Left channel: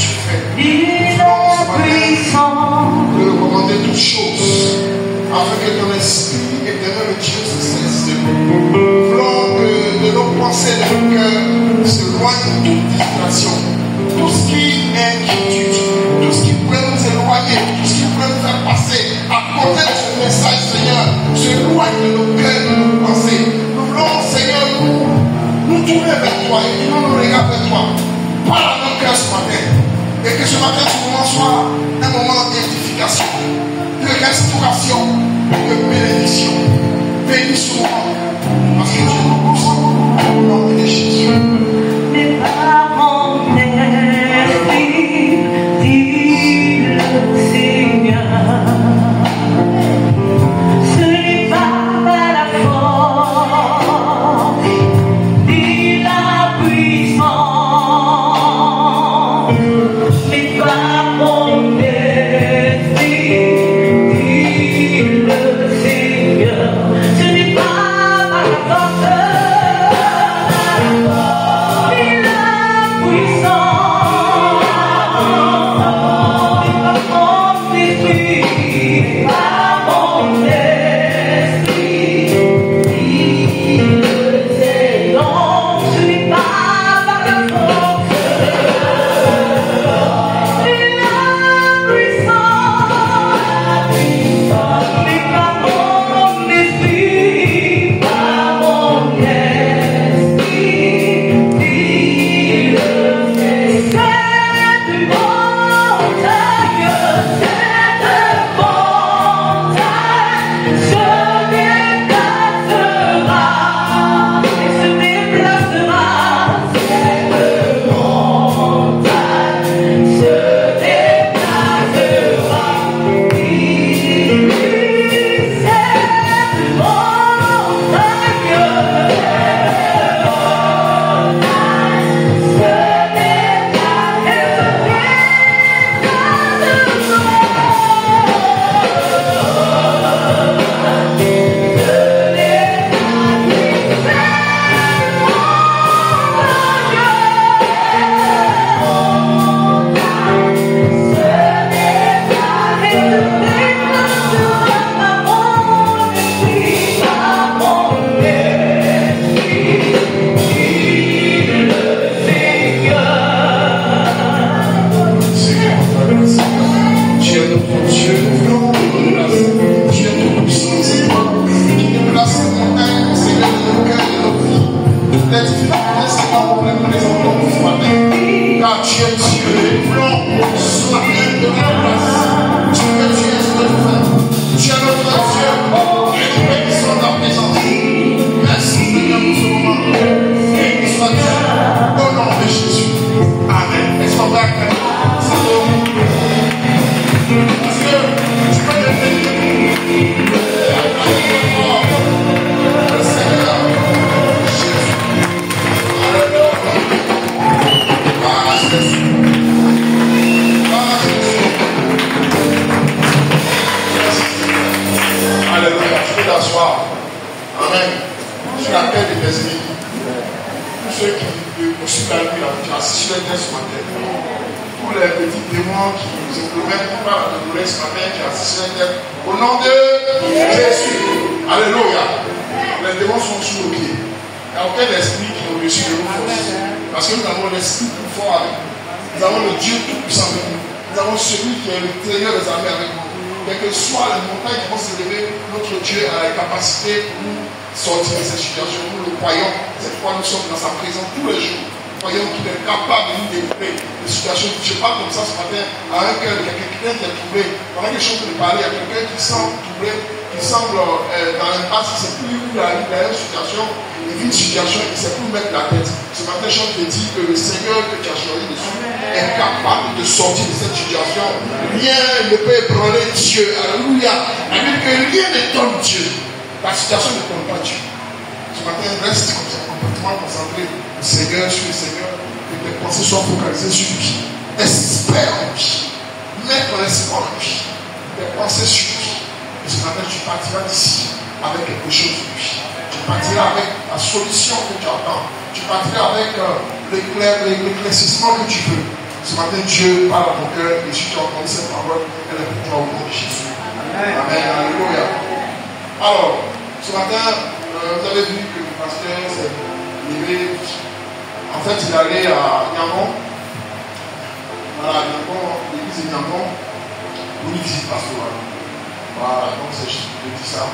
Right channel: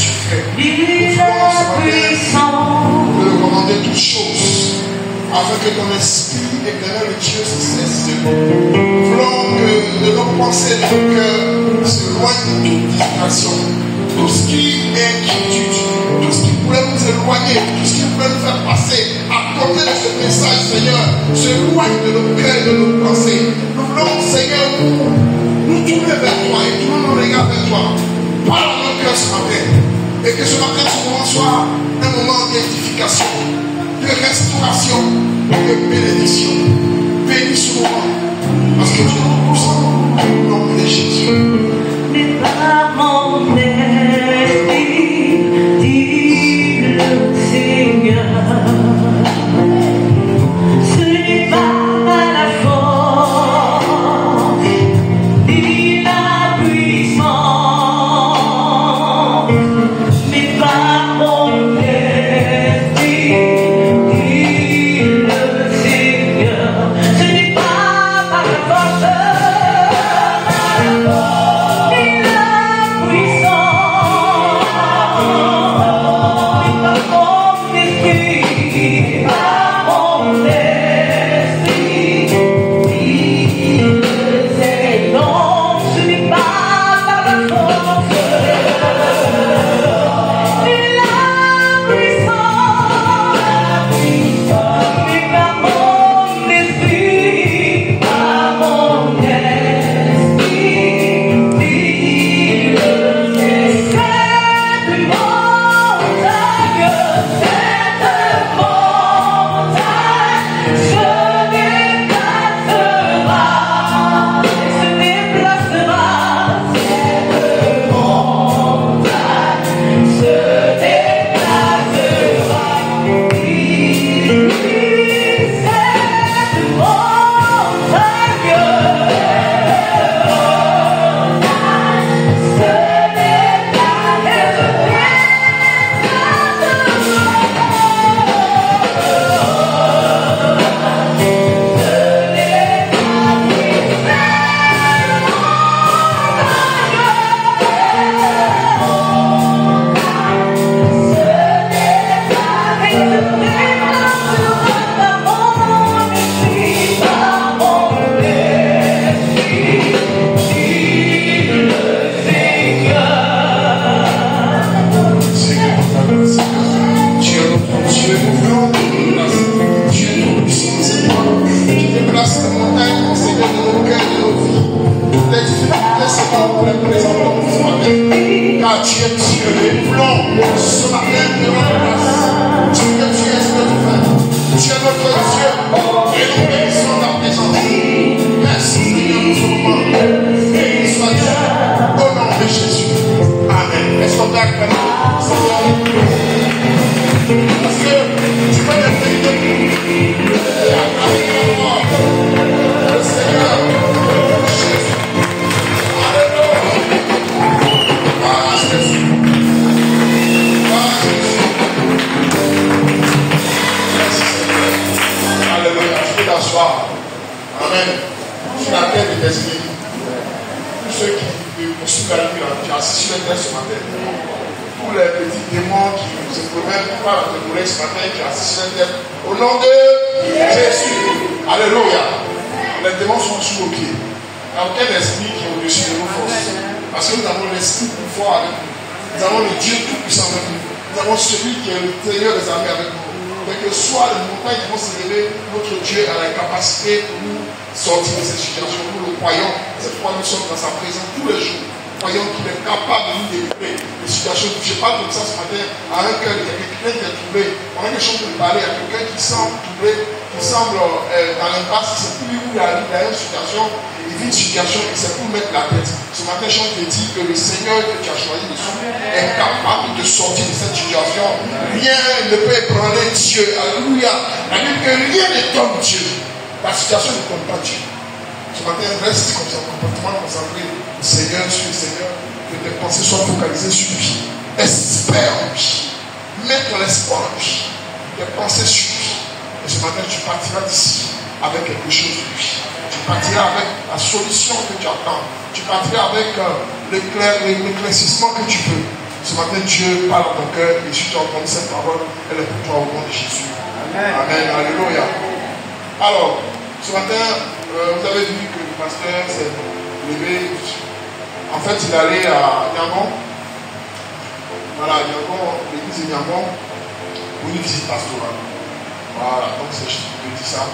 tu fais. Nous voulons le recommander toutes choses, afin que ton esprit éternel de Dieu se cesse de nous. Nous voulons que de nos pensées, de nos cœurs, s'éloigne de toute distraction. Tout ce qui est inquiétude, tout ce qui pourrait nous éloigner, tout ce qui pourrait nous faire passer à côté de ce message, Seigneur, s'éloigne de nos cœurs, de nos pensées. Nous voulons, Seigneur, nous tourner vers toi et tourner nos regards vers toi. Parle à nos cœurs ce matin. Et que ce matin, ce moment soit un moment d'édification, de restauration, de bénédiction. Bénis ce moment, parce que tu es tout ça. Au nom de Jésus. La situation ne compte pas Dieu. Ce matin, reste comme ça, complètement concentré. Seigneur, je suis le Seigneur. Que tes pensées soient focalisées sur lui. Espère en lui. Mets ton espoir en lui. Tes pensées sur lui. Et ce matin, tu partiras d'ici avec quelque chose de lui. Tu partiras avec la solution que tu attends. Tu partiras avec l'éclaircissement que tu veux. Ce matin, Dieu parle à ton cœur et si tu as entendu cette parole, elle est pour toi au nom de Jésus. Amen. Alléluia. Alors, ce matin, vous avez vu que le pasteur s'est levé. En fait, il allait à Yangon. Voilà, Yangon, l'église de Yangon, pour une visite pastorale. Voilà, donc c'est juste pour dire ça.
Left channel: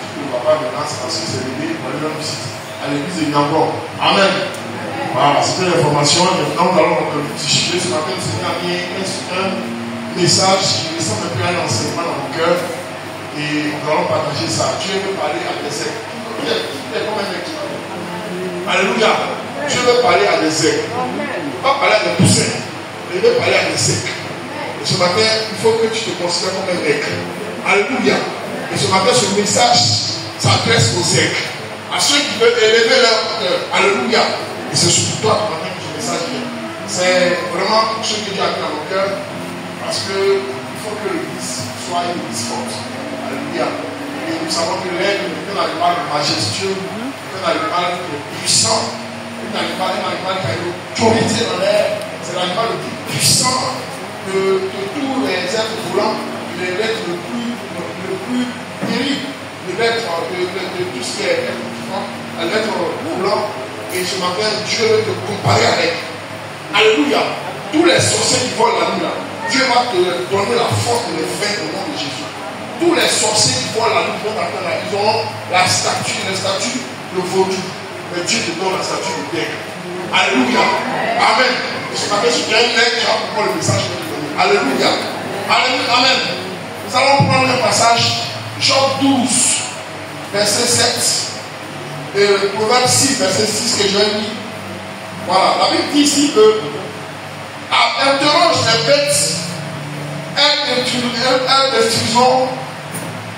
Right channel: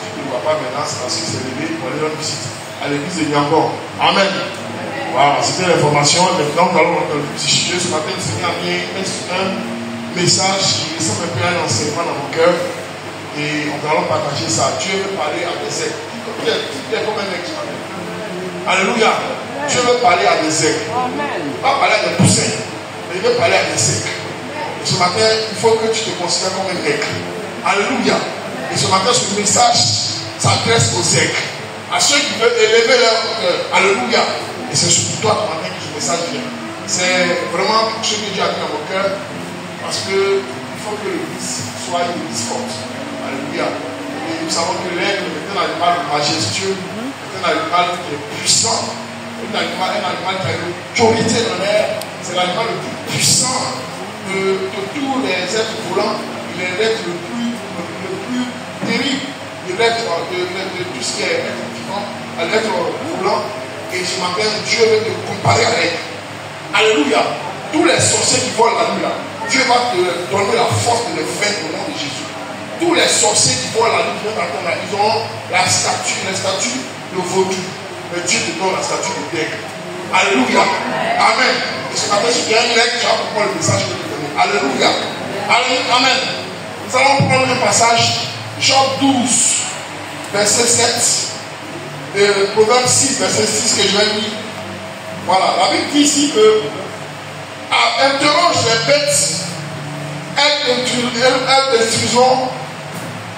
Si tu ne vois pas maintenant, c'est parce qu'il s'est levé pour aller rendre visite à l'église de Yangon. Amen. Voilà, c'était l'information. Maintenant, nous allons psychiser ce matin. Le Seigneur a mis un message qui ressemble un peu à un enseignement dans mon cœur. Et nous allons partager ça. Dieu veut parler à des aigles. Tout est comme un aigle. Alléluia. Dieu veut parler à des aigles. Pas parler à des poussins, mais il veut parler à des aigles. Et ce matin, il faut que tu te considères comme un aigle. Alléluia. Et ce matin, ce message s'adresse aux aigles. À ceux qui veulent élever leur cœur. Alléluia. Et c'est surtout toi ce matin que ce message vient. C'est vraiment ce que Dieu a mis dans nos cœurs. Parce qu'il faut que l'église soit une église forte. Alléluia. Et nous savons que l'aigle est un animal majestueux, un animal qui est puissant, un animal qui a une autorité dans l'air. C'est l'animal le plus puissant de tous les êtres volants. Il est l'être le plus terrible de l'être de tout ce qui est être vivant, à l'être volant. Et ce matin, Dieu veut te comparer à l'aigle. Alléluia. Tous les sorciers qui volent la nuit là, Dieu va te donner la force de les vaincre au nom de Jésus. Tous les sorciers qui volent la nuit, là, ils ont la statue de vaudou. Mais Dieu te donne la statue de l'aigle. Alléluia. Amen. Et ce matin, si tu as une aigle, tu vas comprendre le message que je te donne. Alléluia. Alléluia. Amen. Nous allons prendre le passage, Job 12, verset 7. Proverbe 6, verset 6 que j'ai mis. Voilà, la Bible dit ici que interroge les bêtes, elles t'instruiront,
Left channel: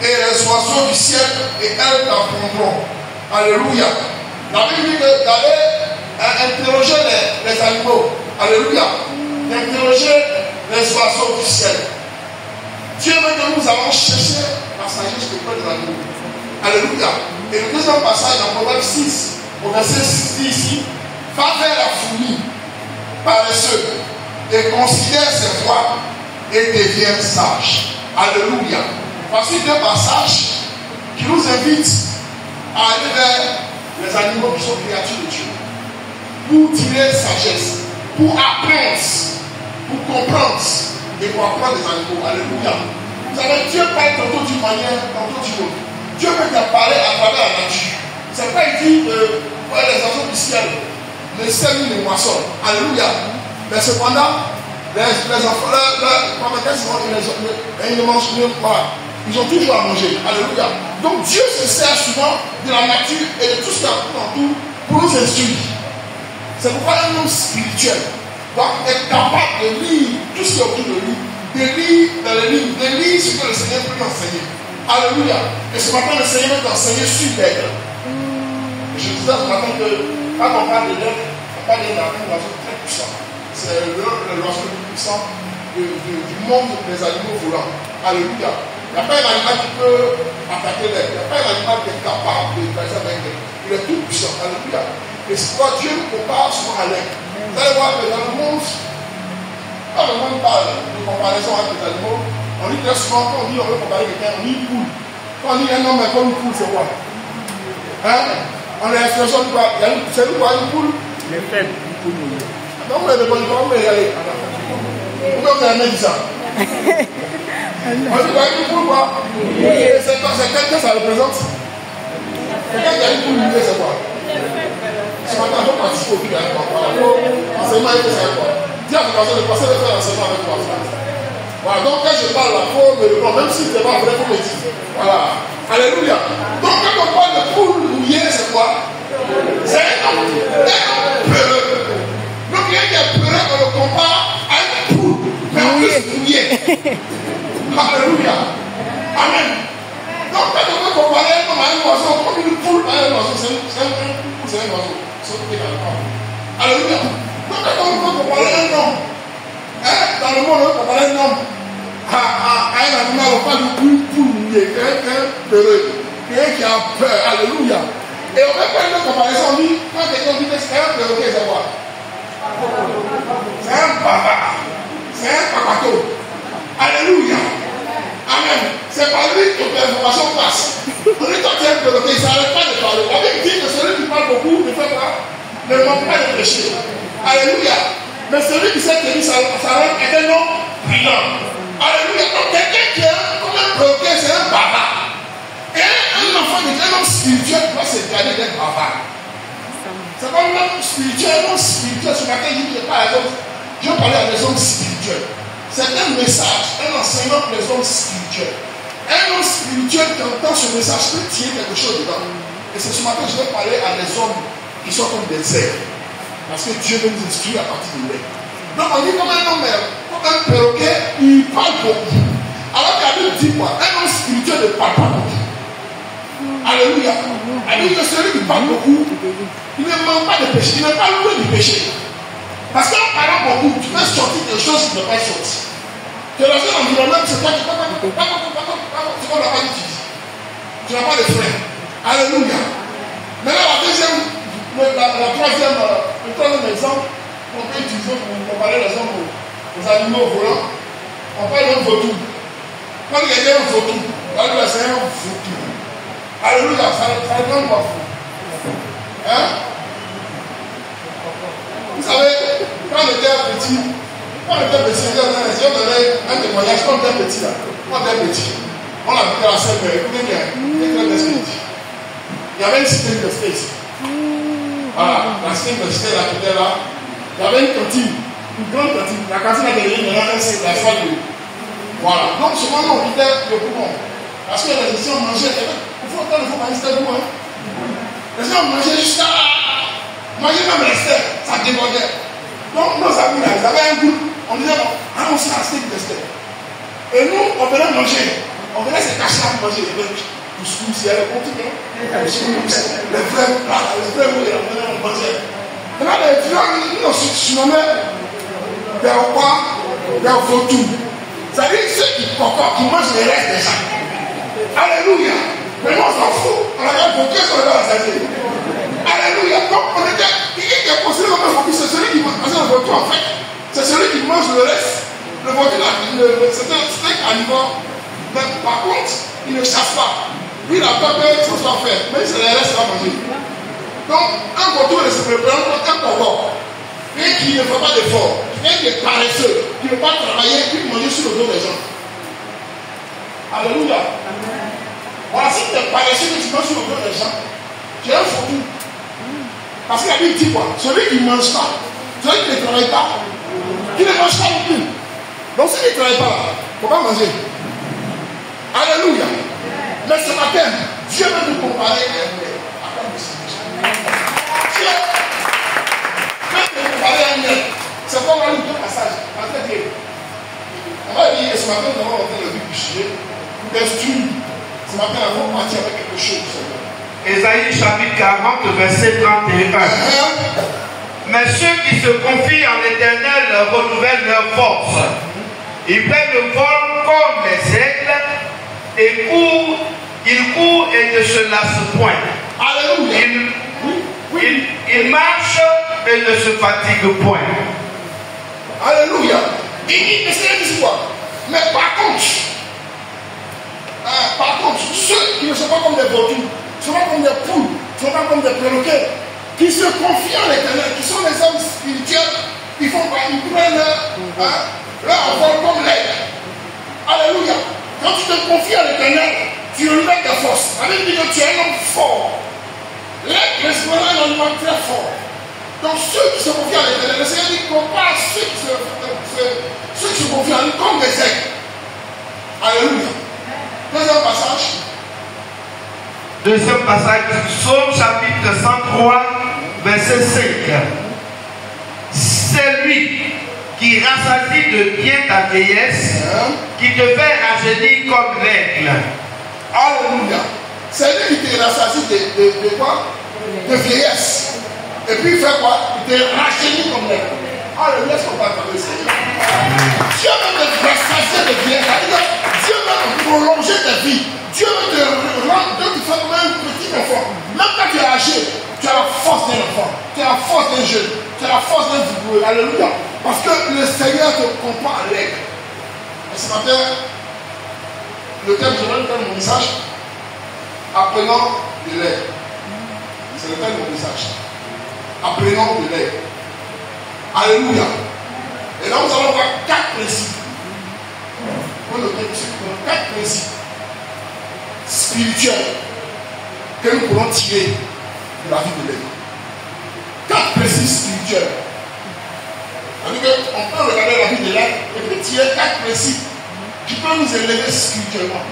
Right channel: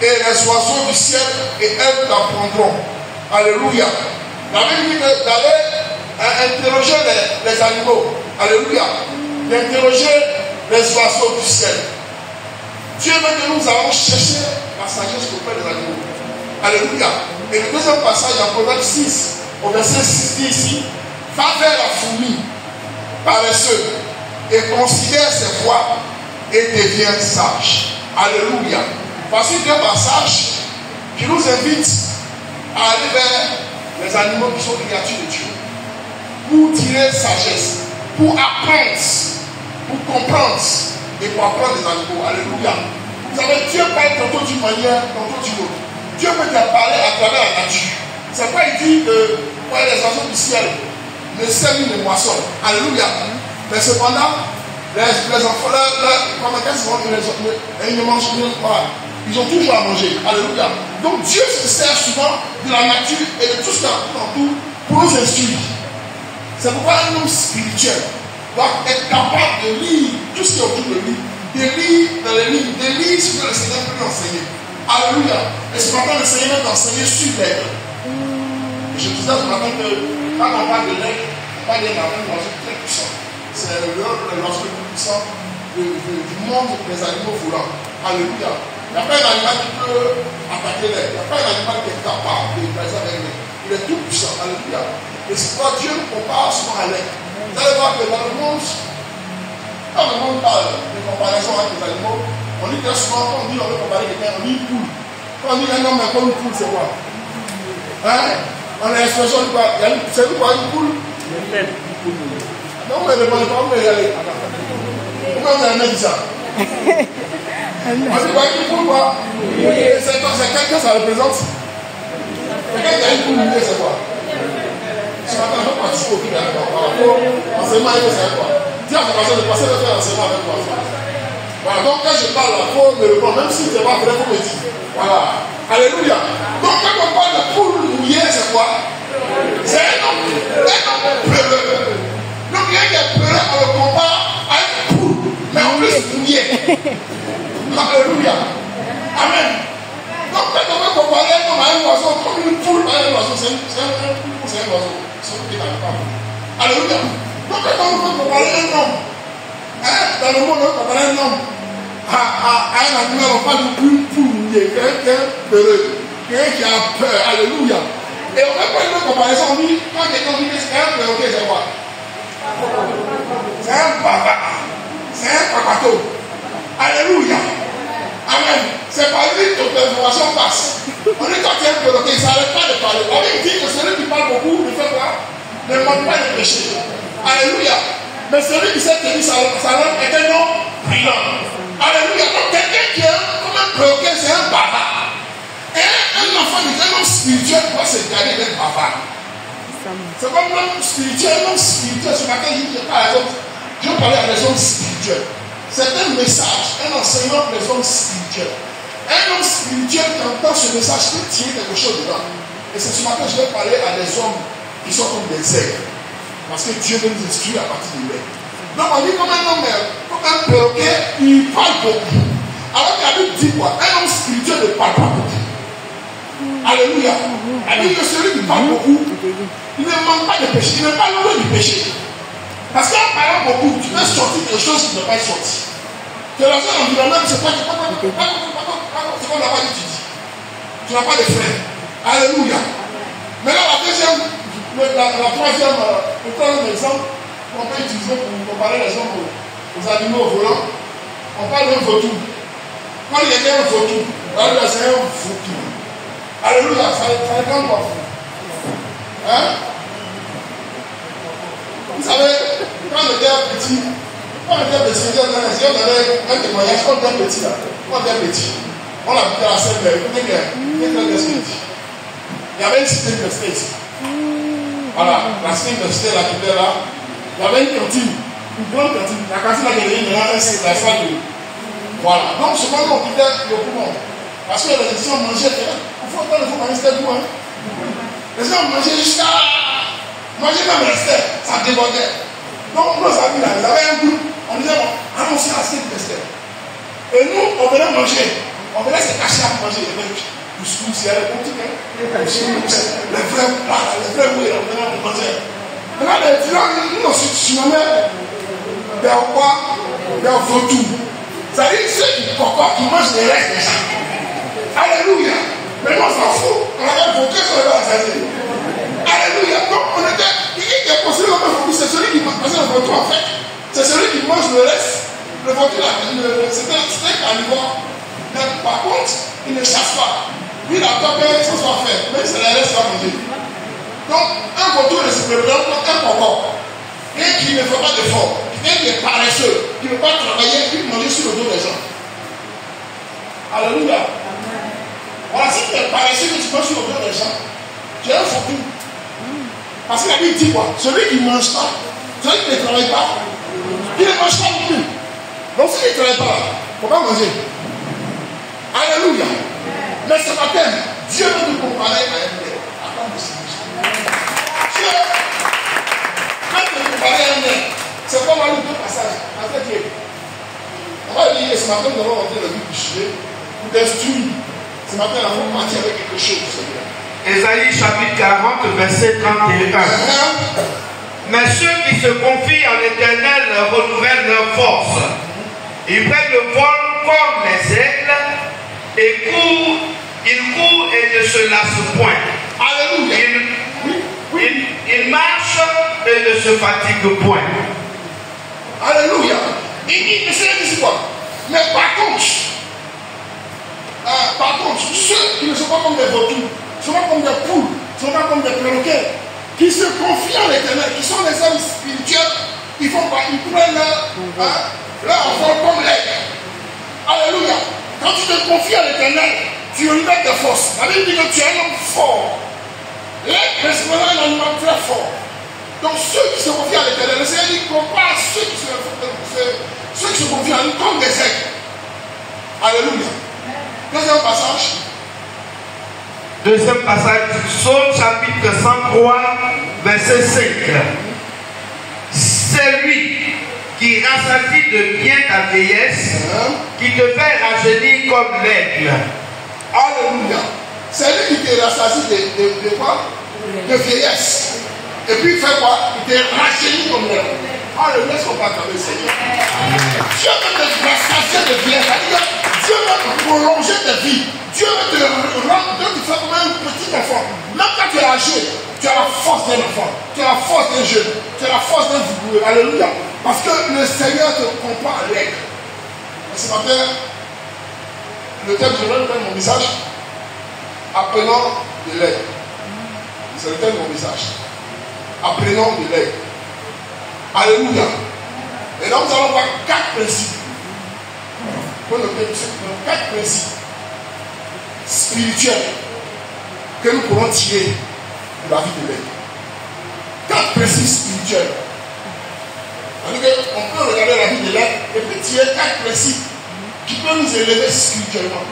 et les oiseaux du ciel, et elles t'apprendront. Alléluia. La Bible dit d'aller interroger les animaux. Alléluia. D'interroger les oiseaux du ciel. Dieu veut que nous allons chercher la sagesse auprès des animaux. Alléluia. Et le deuxième passage dans Proverbe 6, au verset 6 dit ici, va vers la fourmi, paresseux, et considère ses voies, et deviens sage. Alléluia. Voici deux passages qui nous invitent à aller vers les animaux qui sont créatures de Dieu, pour tirer sagesse, pour apprendre, pour comprendre, et pour apprendre les animaux. Alléluia. Vous savez, Dieu parle tantôt d'une manière, tantôt d'une autre. Dieu veut te parler à travers la nature. C'est pas il dit que les oiseaux du ciel ne sèment les moissons. Alléluia. Mais cependant, les enfants, ils ne mangent pas. Ils ont toujours à manger. Alléluia. Donc Dieu se sert souvent de la nature et de tout ce qu'il y a autour pour nous instruire. C'est pourquoi un homme spirituel doit être capable de lire tout ce qui est autour de lui, de lire dans les livres, de lire ce que le Seigneur peut nous enseigner. Alléluia. Et ce matin, le Seigneur veut t'enseigner sur l'aigle. Je disais ce matin que quand on parle de l'aigle, on parle d'un oiseau très puissant. C'est l'oiseau le plus puissant du monde des animaux volants. Alléluia. Il n'y a pas un animal qui peut attaquer l'aigle. Il n'y a pas un animal qui est capable de baiser avec l'aigle. Il est tout puissant. Alléluia. Et c'est pourquoi Dieu nous compare souvent à l'aigle. Vous allez voir que dans le monde, quand le monde parle de comparaison avec les animaux, on dit très souvent, quand on dit on veut comparer quelqu'un, on dit une poule. Quand on dit un homme est comme une poule, c'est quoi? Hein? On a l'expression de quoi? C'est quoi une poule? Il est faible, une poule. Donc vous ne répondez pas, vous me regardez. Pourquoi vous avez même dit ça? On dit quoi, une poule quoi? C'est quelqu'un ça représente? Quelqu'un qui a une poule mouillée, c'est quoi? Ce matin, je participe au film avec moi. Enseignement, il faut savoir quoi? Dis à ton passé de passer de faire l'enseignement avec toi. Voilà, donc quand je parle là, il faut me répondre, même si ce n'est pas vrai, il faut me dire. Voilà. Alléluia. Donc quand on parle de poule mouillée, c'est quoi? C'est un homme peureux. Donc il y a qui est peureux, on le compare à une poule, mais en plus mouillée. Alléluia. Amen. Donc quand on veut comparer un homme à un oiseau, comme une poule à un oiseau, c'est un oiseau. Alléluia. Donc quand on veut comparer un homme, dans le monde, on comparer un homme à un animal, on parle d'une poule mouillée, quelqu'un peureux, quelqu'un qui a peur. Alléluia. Et on fait pas une comparaison, on dit, quand quelqu'un dit que c'est un perroquet, c'est quoi? C'est un bavard. C'est par lui que l'information passe. On est quand même bloqué, ça n'arrête pas de parler. On dit que celui qui parle beaucoup ne fait pas, ne manque pas de péché. Alléluia. Mais celui qui s'est tenu sa langue est un homme brillant. Alléluia. Donc quelqu'un qui est comme un bloqué, c'est un bavard. Et un enfant, un homme spirituel doit se garder d'être bavard. C'est comme un homme spirituel, ce matin, je parlais à des hommes spirituels. C'est un message, un enseignement pour les hommes spirituels. Un homme spirituel qui entend ce message peut tirer quelque chose dedans. Et c'est ce matin que je vais parler à des hommes qui sont comme des ailes. Parce que Dieu veut nous instruire à partir de l'aile. Donc on dit comme un homme, comme un perroquet, il parle beaucoup. Alors que la Bible dit quoi? Un homme spirituel ne parle pas beaucoup. Alléluia. Alléluia, que celui qui parle beaucoup, il ne manque pas de péché, il n'est pas loin du péché. Parce qu'en parlant beaucoup, tu peux sortir des choses qui ne peuvent pas sortir. Tu es dans un environnement, c'est quoi? C'est qu'on n'a pas d'études. Tu n'as pas de frères. Alléluia. Maintenant, la troisième exemple, on peut utiliser pour comparer les hommes aux animaux volants. On parle d'un vautour. Quand il y a un vautour, c'est un vautour. Alléluia, ça ne pas. Hein? Vous savez, quand on était petit, j'ai donné un témoignage quand on était petit. Quand on était petit, on habitait à Saint-Père, il y avait une cité université ici. Voilà, la cité université là, qui était là. Il y avait une cantine, une grande cantine. La cantine a gagné, il y avait la salle de. Voilà, donc souvent on quittait le poumon. Parce que les étudiants mangeaient, il faut manger jusqu'à nous. Les gens mangeaient jusqu'à. Manger même restait, ça débordait. Donc nos amis là, ils avaient un goût. On disait, allons-y à la cité université. Et nous, on venait manger. On venait se cacher à manger. Il y avait du couscous, il y avait beaucoup de les vrais plats, les vrais mouilles, on venait manger. Maintenant, les étudiants, nous nous surnommaient des rois, des vautours. C'est-à-dire ceux qui mangent les restes des gens. Alléluia. Mais nous, on s'en fout. On avait beaucoup sur le salut. Alléluia. Donc, on était. Qui est considéré comme un vautour? C'est celui qui mange. Parce que le vautour, en fait, c'est celui qui mange le reste. Le vautour, c'est un steak animal. Par contre, il ne chasse pas. Lui, il a peur que ça soit fait. Mais c'est le reste qu'il va manger. Donc, un vautour ne se représente qu'un corps. Et qui ne fait pas d'effort. Et qui est paresseux. Qui ne veut pas travailler, qui veut manger sur le dos des gens. Alléluia. Voilà, si tu es paresseux que tu manges sur le dos des gens, tu es un vautour. Parce que la Bible dit quoi? Celui qui ne mange pas, celui qui ne travaille pas, il ne mange pas non plus. Donc si tu ne travailles pas, il ne faut pas manger. Alléluia. Mais ce matin, Dieu veut nous comparer à un mec. Attends, Dieu veut nous comparer à un mec. C'est quoi, on va lire deux passages. On va lire, ce matin, nous avons entendu le but du sujet. Nous destruire. Ce matin, nous allons partir avec quelque chose. Ésaïe chapitre 40, verset 31. Mais ceux qui se confient en l'Éternel renouvellent leur force. Ils prennent le vol comme les aigles et ils courent et ne se lassent point. Alléluia. Ils marchent et ne se fatiguent point. Alléluia. Il dit quoi? Mais par contre, ceux qui ne sont pas comme des vautours, ne sont pas comme des poules, ne sont pas comme des perroquets, qui se confient en l'Éternel, qui sont des hommes spirituels, ils prennent leur enfant comme l'aigle. Alléluia. Quand tu te confies à l'Éternel, tu renouvelles tes forces. La Bible dit que tu es un homme fort. L'aigle est un animal très fort. Donc ceux qui se confient à l'Éternel, le Seigneur dit compare ceux qui se confient à lui comme des aigles. Alléluia. Deuxième passage, Psaume chapitre 103, verset 5. C'est lui qui rassasie de bien ta vieillesse, qui te fait rajeunir comme l'aigle. Alléluia. C'est lui qui te rassasie de quoi? De vieillesse. Et puis il fait quoi? Il te rajeunit comme l'aigle. Alléluia, est-ce qu'on va attendre le Seigneur? Dieu veut te rassasier de vieillesse. Dieu veut prolonger ta vie. Dieu veut te rendre, Dieu te fait comme un petit enfant. Même quand tu es âgé, tu as la force d'un enfant, tu as la force d'un jeune, tu as la force d'un vigoureux. Alléluia. Parce que le Seigneur te compare à l'aigle. Et ce matin, Le thème, je vais faire mon message. Apprenant de l'aide. C'est le thème de mon message. Apprenant de l'aide. Alléluia. Et là, nous allons voir 4 principes. Pour le 4 principes spirituels que nous pourrons tirer de la vie de l'aide. 4 principes spirituels. On peut regarder la vie de l'aide et puis tirer 4 principes qui peuvent nous élever spirituellement.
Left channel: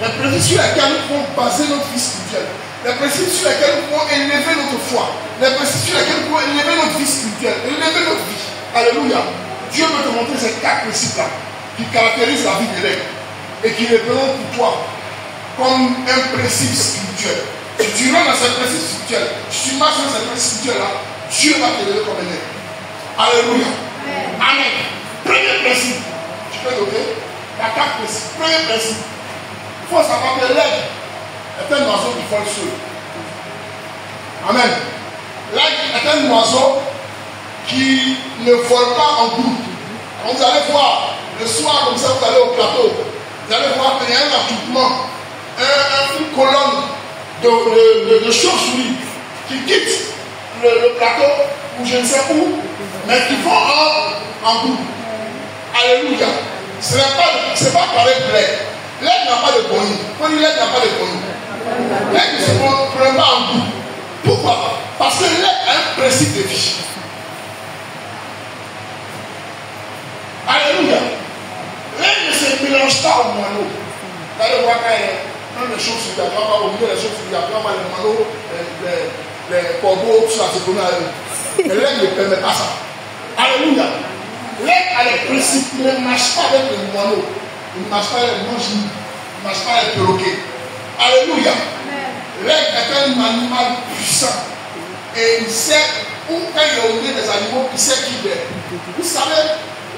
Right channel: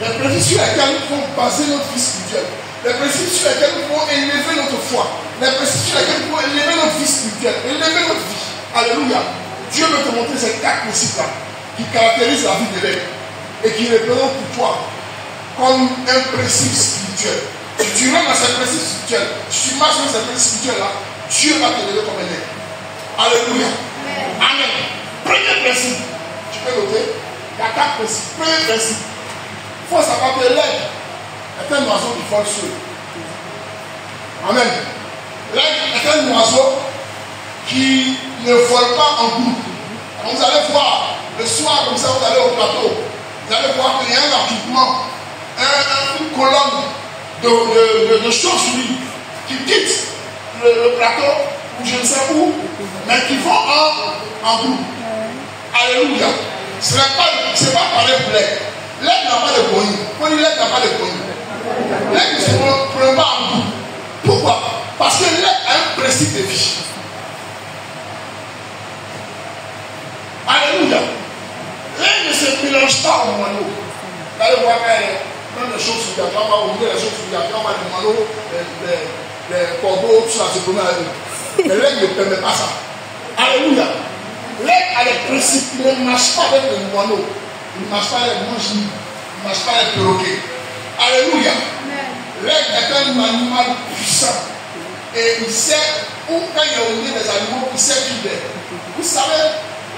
Les principes sur lesquels nous pouvons baser notre vie spirituelle. Les principes sur lesquels nous pouvons élever notre foi. Les principes sur lesquels nous pouvons élever notre vie spirituelle. Élever notre vie. Alléluia. Dieu veut te montrer ces 4 principes-là qui caractérisent la vie de l'aide et qui représentent pour toi comme un principe spirituel. Si tu rentres dans ces principes spirituels, si tu marches dans ces principes spirituels-là, Dieu va te lever comme un aide. Alléluia. Amen. Premier principe. Tu peux noter. Il y a 4 principes. Premier principe. Il faut savoir que l'aide est un oiseau qui vole seul. Amen. L'aide est un oiseau qui ne vole pas en groupe. Quand vous allez voir le soir, comme ça, vous allez au plateau, vous allez voir qu'il y a un attroupement, une colonne de chauves-souris qui quittent le plateau, ou je ne sais où, mais qui vont en groupe. Alléluia. Ce n'est pas pareil pour l'aide. L'aide n'a pas de bonus. Quand l'aide n'a pas de bonus. L'aide ne se prend pas en groupe. Pourquoi? Parce que l'aide a un principe de vie. Alléluia. L'aide ne se mélange pas au moineau. Vous allez voir même les choses sur la terre, on va oublier les choses sur la terre, on va les moineaux, les corbeaux, tout ça, c'est comme ça. Mais l'aide ne permet pas ça. Alléluia. L'aide a des principes, il ne marche pas avec les moineaux. Il ne marche pas avec les manches, il ne marche pas avec les perroquets. Alléluia. L'aide est un animal puissant. Et il sait, ou quand il a oublié des animaux, il sait qui il est. Vous savez,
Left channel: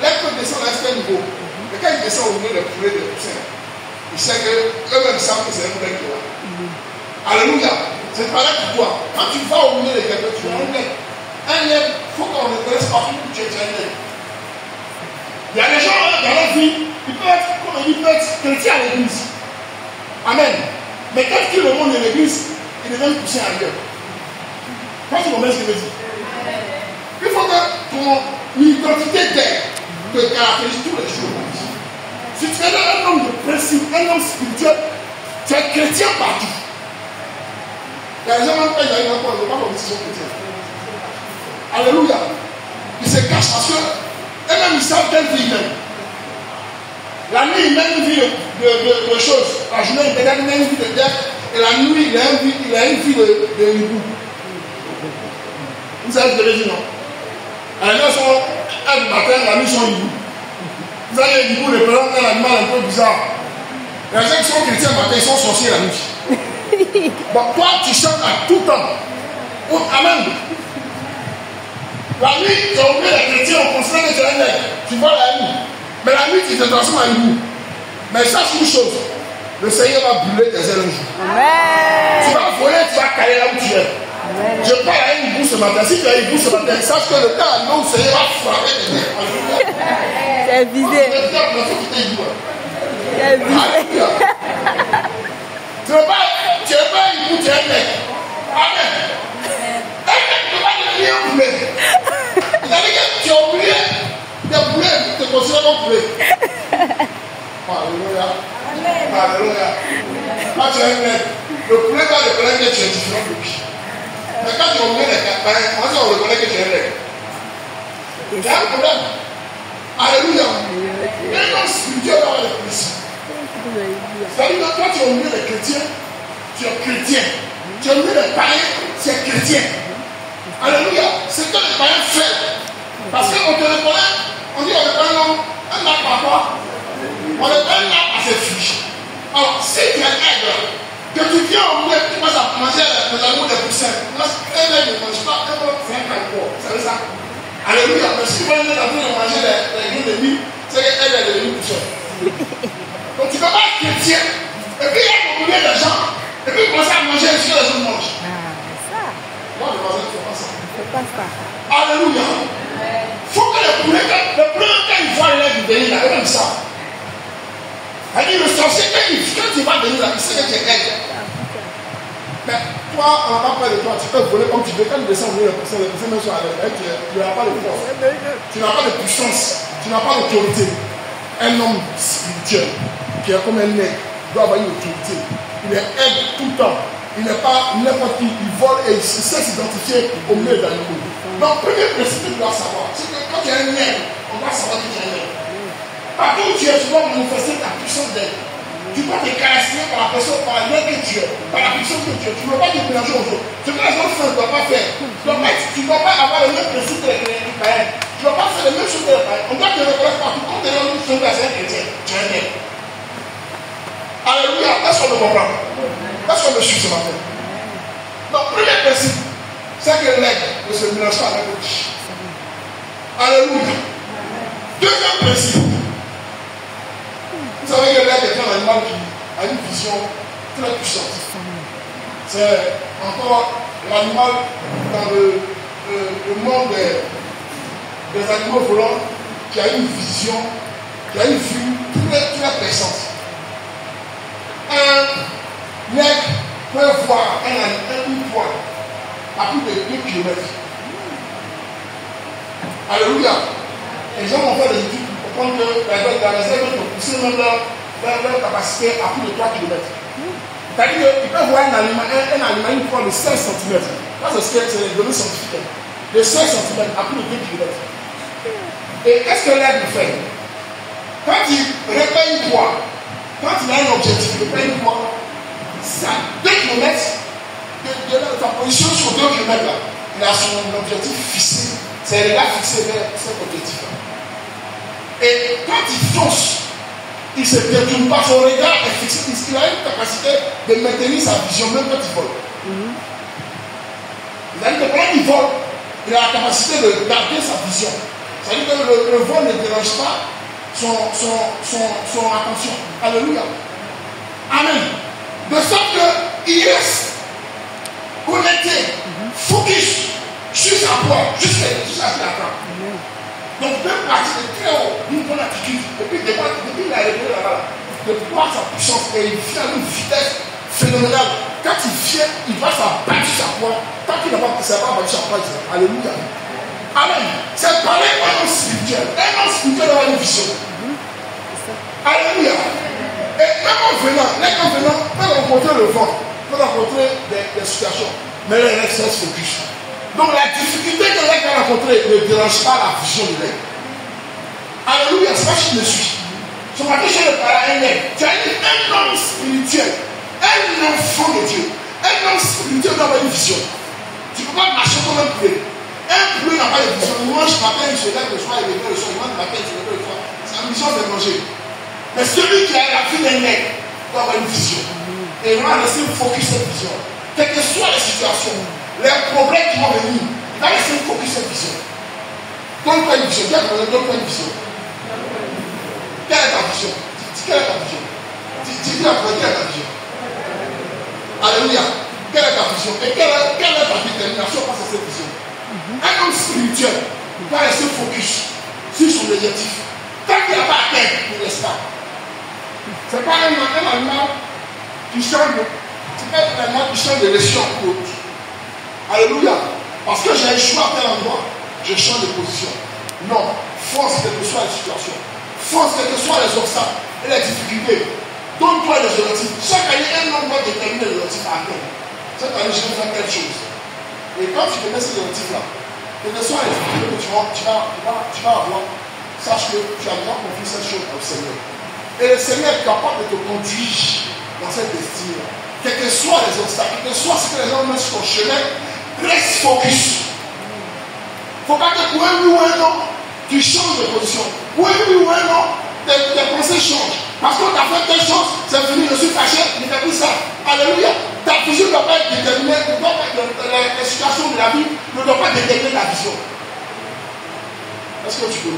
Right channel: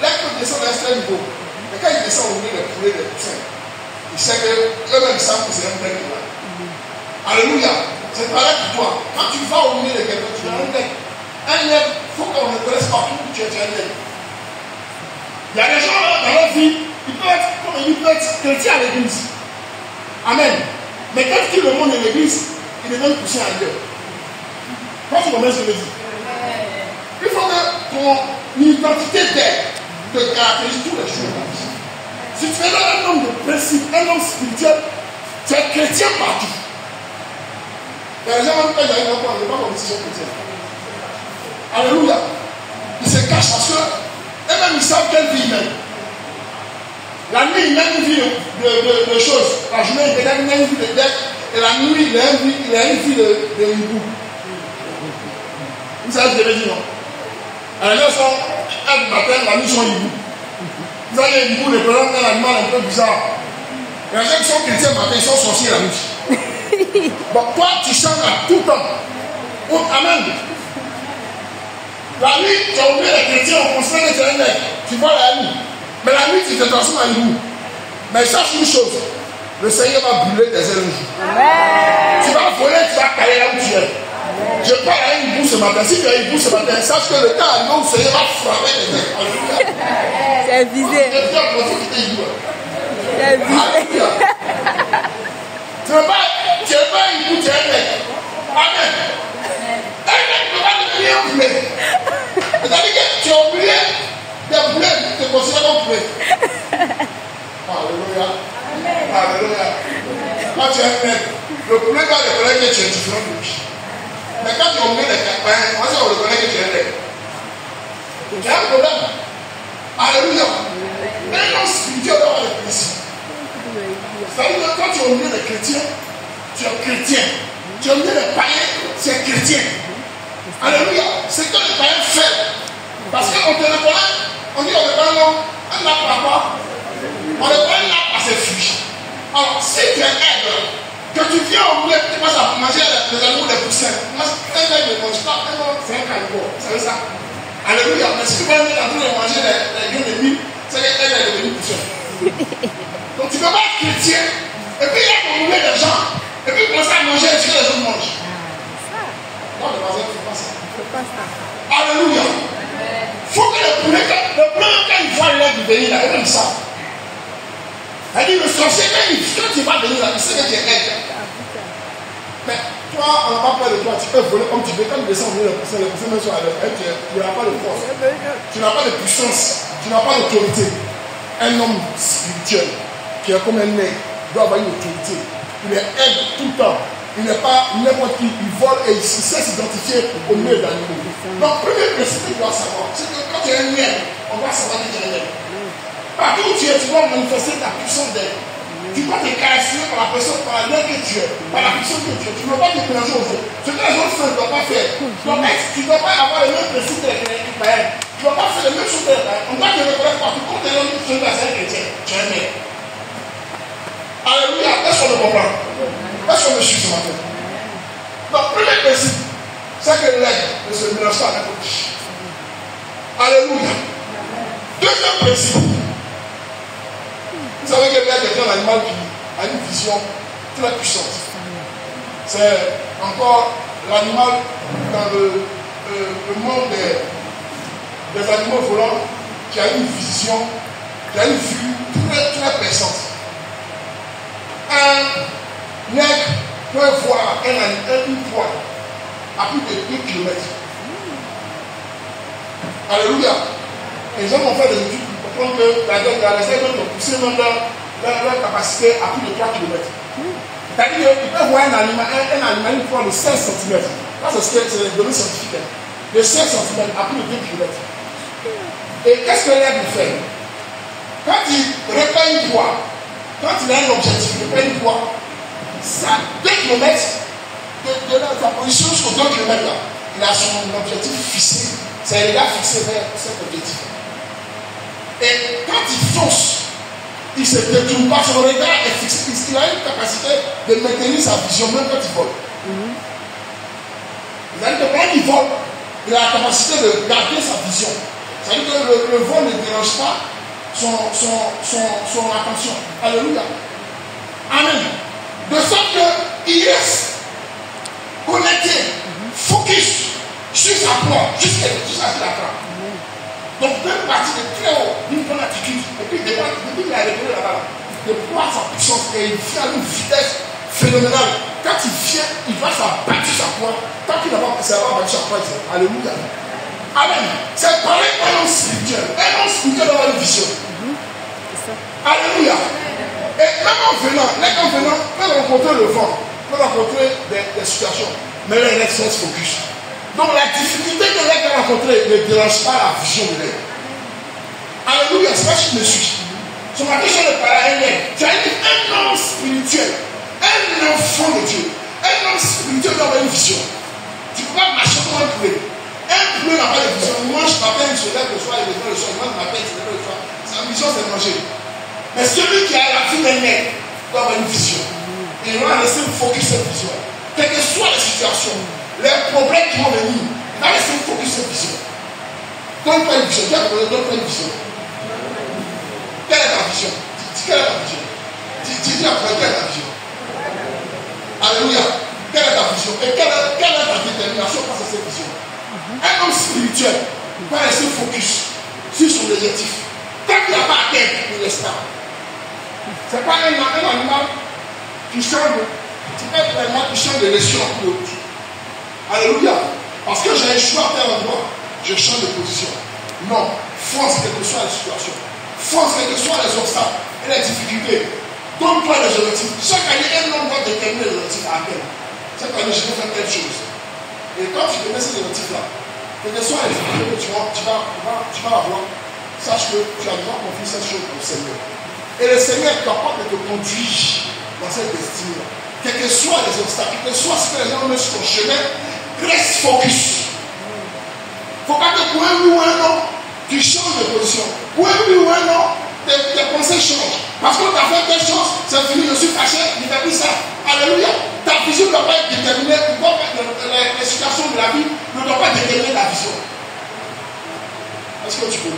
l'aide peut descendre à un certain niveau. Mais quand il descend au niveau des poulets, des poussins, il sait qu'eux-mêmes savent que c'est un vrai là. Alléluia. C'est pareil pour toi. Quand tu vas au milieu de quelqu'un, tu as un aide. Un aide, il faut qu'on ne connaisse pas tout, tu es un aide. Il y a des gens dans leur vie, ils peuvent être chrétiens à l'église. Amen. Mais quand ils remontent de l'église, ils deviennent poussés ailleurs. Quand tu comprends ce que je veux dire? Il faut que ton identité d'aide te caractérise tous les jours. Si tu es un homme de principe, un homme spirituel, tu es chrétien partout. Il y a des gens qui ont une encore, ils ne sont pas comme s'ils sont chrétiens. Alléluia. Ils se cachent parce que eux-mêmes ils savent quelle vie ils mènent. La nuit, il mène une vie de choses. La journée, il mène une vie de dette. Et la nuit, il a une vie de hibou. Vous savez ce que je veux dire, non? Les gens sont un du matin, la nuit, ils sont hibou. Vous avez les hiboux, représentent un animal un peu bizarre. Les gens qui sont chrétiens le matin, ils sont sorciers la nuit. Bon, toi, tu chantes à tout temps. Oh, amen. La nuit, tu as oublié les chrétiens, on considère que tu es un aigle. Tu vois la nuit. Mais la nuit, tu te transformes en hibou. Mais sache une chose, le Seigneur va brûler tes ailes un jour. Tu vas voler, tu vas caler là où tu es. Je parle à un hibou ce matin. Si tu as un hibou ce matin, sache que le temps arrive où le Seigneur va frapper tes ailes. C'est visé. C'est visé. Tu n'es pas un hibou, tu es un aigle. Amen. Un aigle ne peut pas devenir un poulet. C'est-à-dire que tu as oublié des poulets, tu te considères comme poulet. Alléluia. Alléluia. Quand tu es un aigle, le poulet va reconnaître que tu es différent de lui. Mais quand tu oublies les campagnes, comment ça on reconnaît que tu es un aigle? Il y a un problème. Alléluia. Un homme spirituel doit avoir des principes. C'est-à-dire que quand tu oublies les chrétiens, tu es chrétien. Tu oublies les païens, tu es chrétien. Alléluia. C'est que les païens font. Parce qu'on te reconnaît, on dit on reconnaît un arbre à quoi? On reconnaît un arbre à ses fruits. Alors, si tu es un aigle, que tu viens au milieu, tu commences à manger les animaux des poussins. Un aigle ne mange pas, c'est un carnivore. Vous savez ça? Alléluia. Mais si tu viens en train de manger les graines de mie, c'est qu'un aigle est devenu pousseur. Donc tu ne peux pas être chrétien, et puis il y a au milieu des gens, et puis commencer à manger ce que les autres mangent. Non, les voisins ne font pas ça. Alléluia. Il faut que le poulet, quand il voit l'aigle venir, là, il même ça. Elle dit le sorcier, quand tu vas venir là, il sait que tu es aide. Mais toi, on n'a pas peur de toi, tu peux voler comme tu veux. Quand tu descends venir le personnes même sont à l'aise, tu n'as pas de force, tu n'as pas de puissance, tu n'as pas d'autorité. Un homme spirituel qui est comme un nègre doit avoir une autorité. Il est aide tout le temps. Il n'est pas n'importe qui, il vole et il sait s'identifier au milieu des animaux. Donc, premier principe que tu dois savoir, c'est que quand tu es un nègre, on doit savoir que tu es un nègre. Partout où tu es, tu dois manifester ta puissance d'aide. Tu dois te caractériser par la personne, par la nègre que tu es, par la puissance que tu es. Tu ne dois pas te mélanger aux autres. Ce que les gens font, ne doivent pas faire. Tu ne dois pas avoir le même principe que les païens. Tu ne dois pas faire les mêmes choses que les païens. On doit te reconnaître partout. Quand tu es une personne d'un chrétien, tu es un nègre. Alléluia, est-ce qu'on me comprend? Est-ce qu'on me suit ce matin? Donc, premier principe, c'est que l'aigle ne se mélange pas avec l'autre. Alléluia. Deuxième principe, vous savez que l'aigle est un animal qui a une vision très puissante. C'est encore l'animal dans le monde des animaux volants qui a une vision, qui a une vue très très puissante. Un nègre peut voir une fois à plus de 2 km. Alléluia. Les gens ont fait des études pour comprendre que les aigles ont poussé même leur capacité à plus de 3 km. C'est-à-dire qu'ils peuvent voir un animal une fois de 16 cm. Ça, c'est les données scientifiques. De 16 cm à plus de 2 km. Et qu'est-ce que l'aigle fait? Quand il repère une proie, quand il a un objectif, il repère une proie, ça 2 km de sa position sur 2 km là, il a son objectif fixé. C'est le regard fixé vers cet objectif. Et quand il fonce, il ne se détourne pas, son regard est fixé. Il a une capacité de maintenir sa vision même quand il vole. C'est-à-dire que quand il vole, il a la capacité de garder sa vision. C'est-à-dire que le vol ne dérange pas son attention. Alléluia. Amen. De sorte qu'il reste connecté, focus sur sa proie, jusqu'à la fin. Donc, deux parties de très haut, d'une bonne attitude, et puis depuis qu'il a réglé là-bas, de voir sa puissance, et il vient à une vitesse phénoménale. Quand il vient, il va s'abattre sur sa proie. Tant qu'il n'a pas battu sa proie, alléluia. Amen. C'est pareil un homme spirituel. Un homme spirituel a une vision. Alléluia. Et même en venant, peut rencontrer le vent, peut rencontrer des situations, mais là, il reste focus. Donc la difficulté que l'aigle a rencontrée ne dérange pas la vision de l'aigle. Alléluia, c'est pas si tu me suis. Ce matin, je ne parle à un aigle. Tu as dit un homme spirituel, un enfant de Dieu. Un homme spirituel doit avoir une vision. Tu ne peux pas marcher comme un poulet. Un poulet n'a pas de vision. Il mange matin, il se lève le soir, il lève le soir, il mange matin, il se lève le soir. Sa vision, c'est de manger. Mais celui qui a la vie d'un aigle doit avoir une vision. Et il va rester focus sur cette vision. Quelles que soient les situations, les problèmes qui vont venir, il va rester focus sur cette vision. Donne-toi une vision. Donne-toi une vision. Quelle est ta vision? Quelle est ta vision? Dis la quelle est ta vision? Alléluia. Quelle est ta vision? Et quelle est ta détermination face à cette vision? Un homme spirituel va rester focus sur son objectif. Tant qu'il n'a pas atteint, il ne laisse pas. Ce n'est pas un animal qui change de. C'est pas un animal qui change de région ou d'autre. Alléluia. Parce que j'ai échoué à tel endroit, je change de position. Non. Fonce quelle que soit la situation. Fonce quels que soient les obstacles et les difficultés. Donne-toi des objectifs. Chaque année, un homme va déterminer les objectifs à atteindre. Cette année, je vais faire telle chose. Et quand tu te mets ces objectifs-là, quelles que soient les difficultés que tu vas avoir, sache que tu as déjà confié cette chose au Seigneur. Et le Seigneur est capable de te conduire dans cette destinée-là. Quels que soient les obstacles, quel que soit ce que les gens mettent sur ton chemin, reste focus. Il ne faut pas que pour un oui ou un non, tu changes de position. Pour un oui ou un non, tes pensées changent. Parce qu'on t'a fait telle chose, c'est fini, je suis fâché, je t'ai pris ça. Alléluia. Ta vision ne doit pas être déterminée, les situations de la vie ne doivent pas déterminer ta vision. Est-ce que tu peux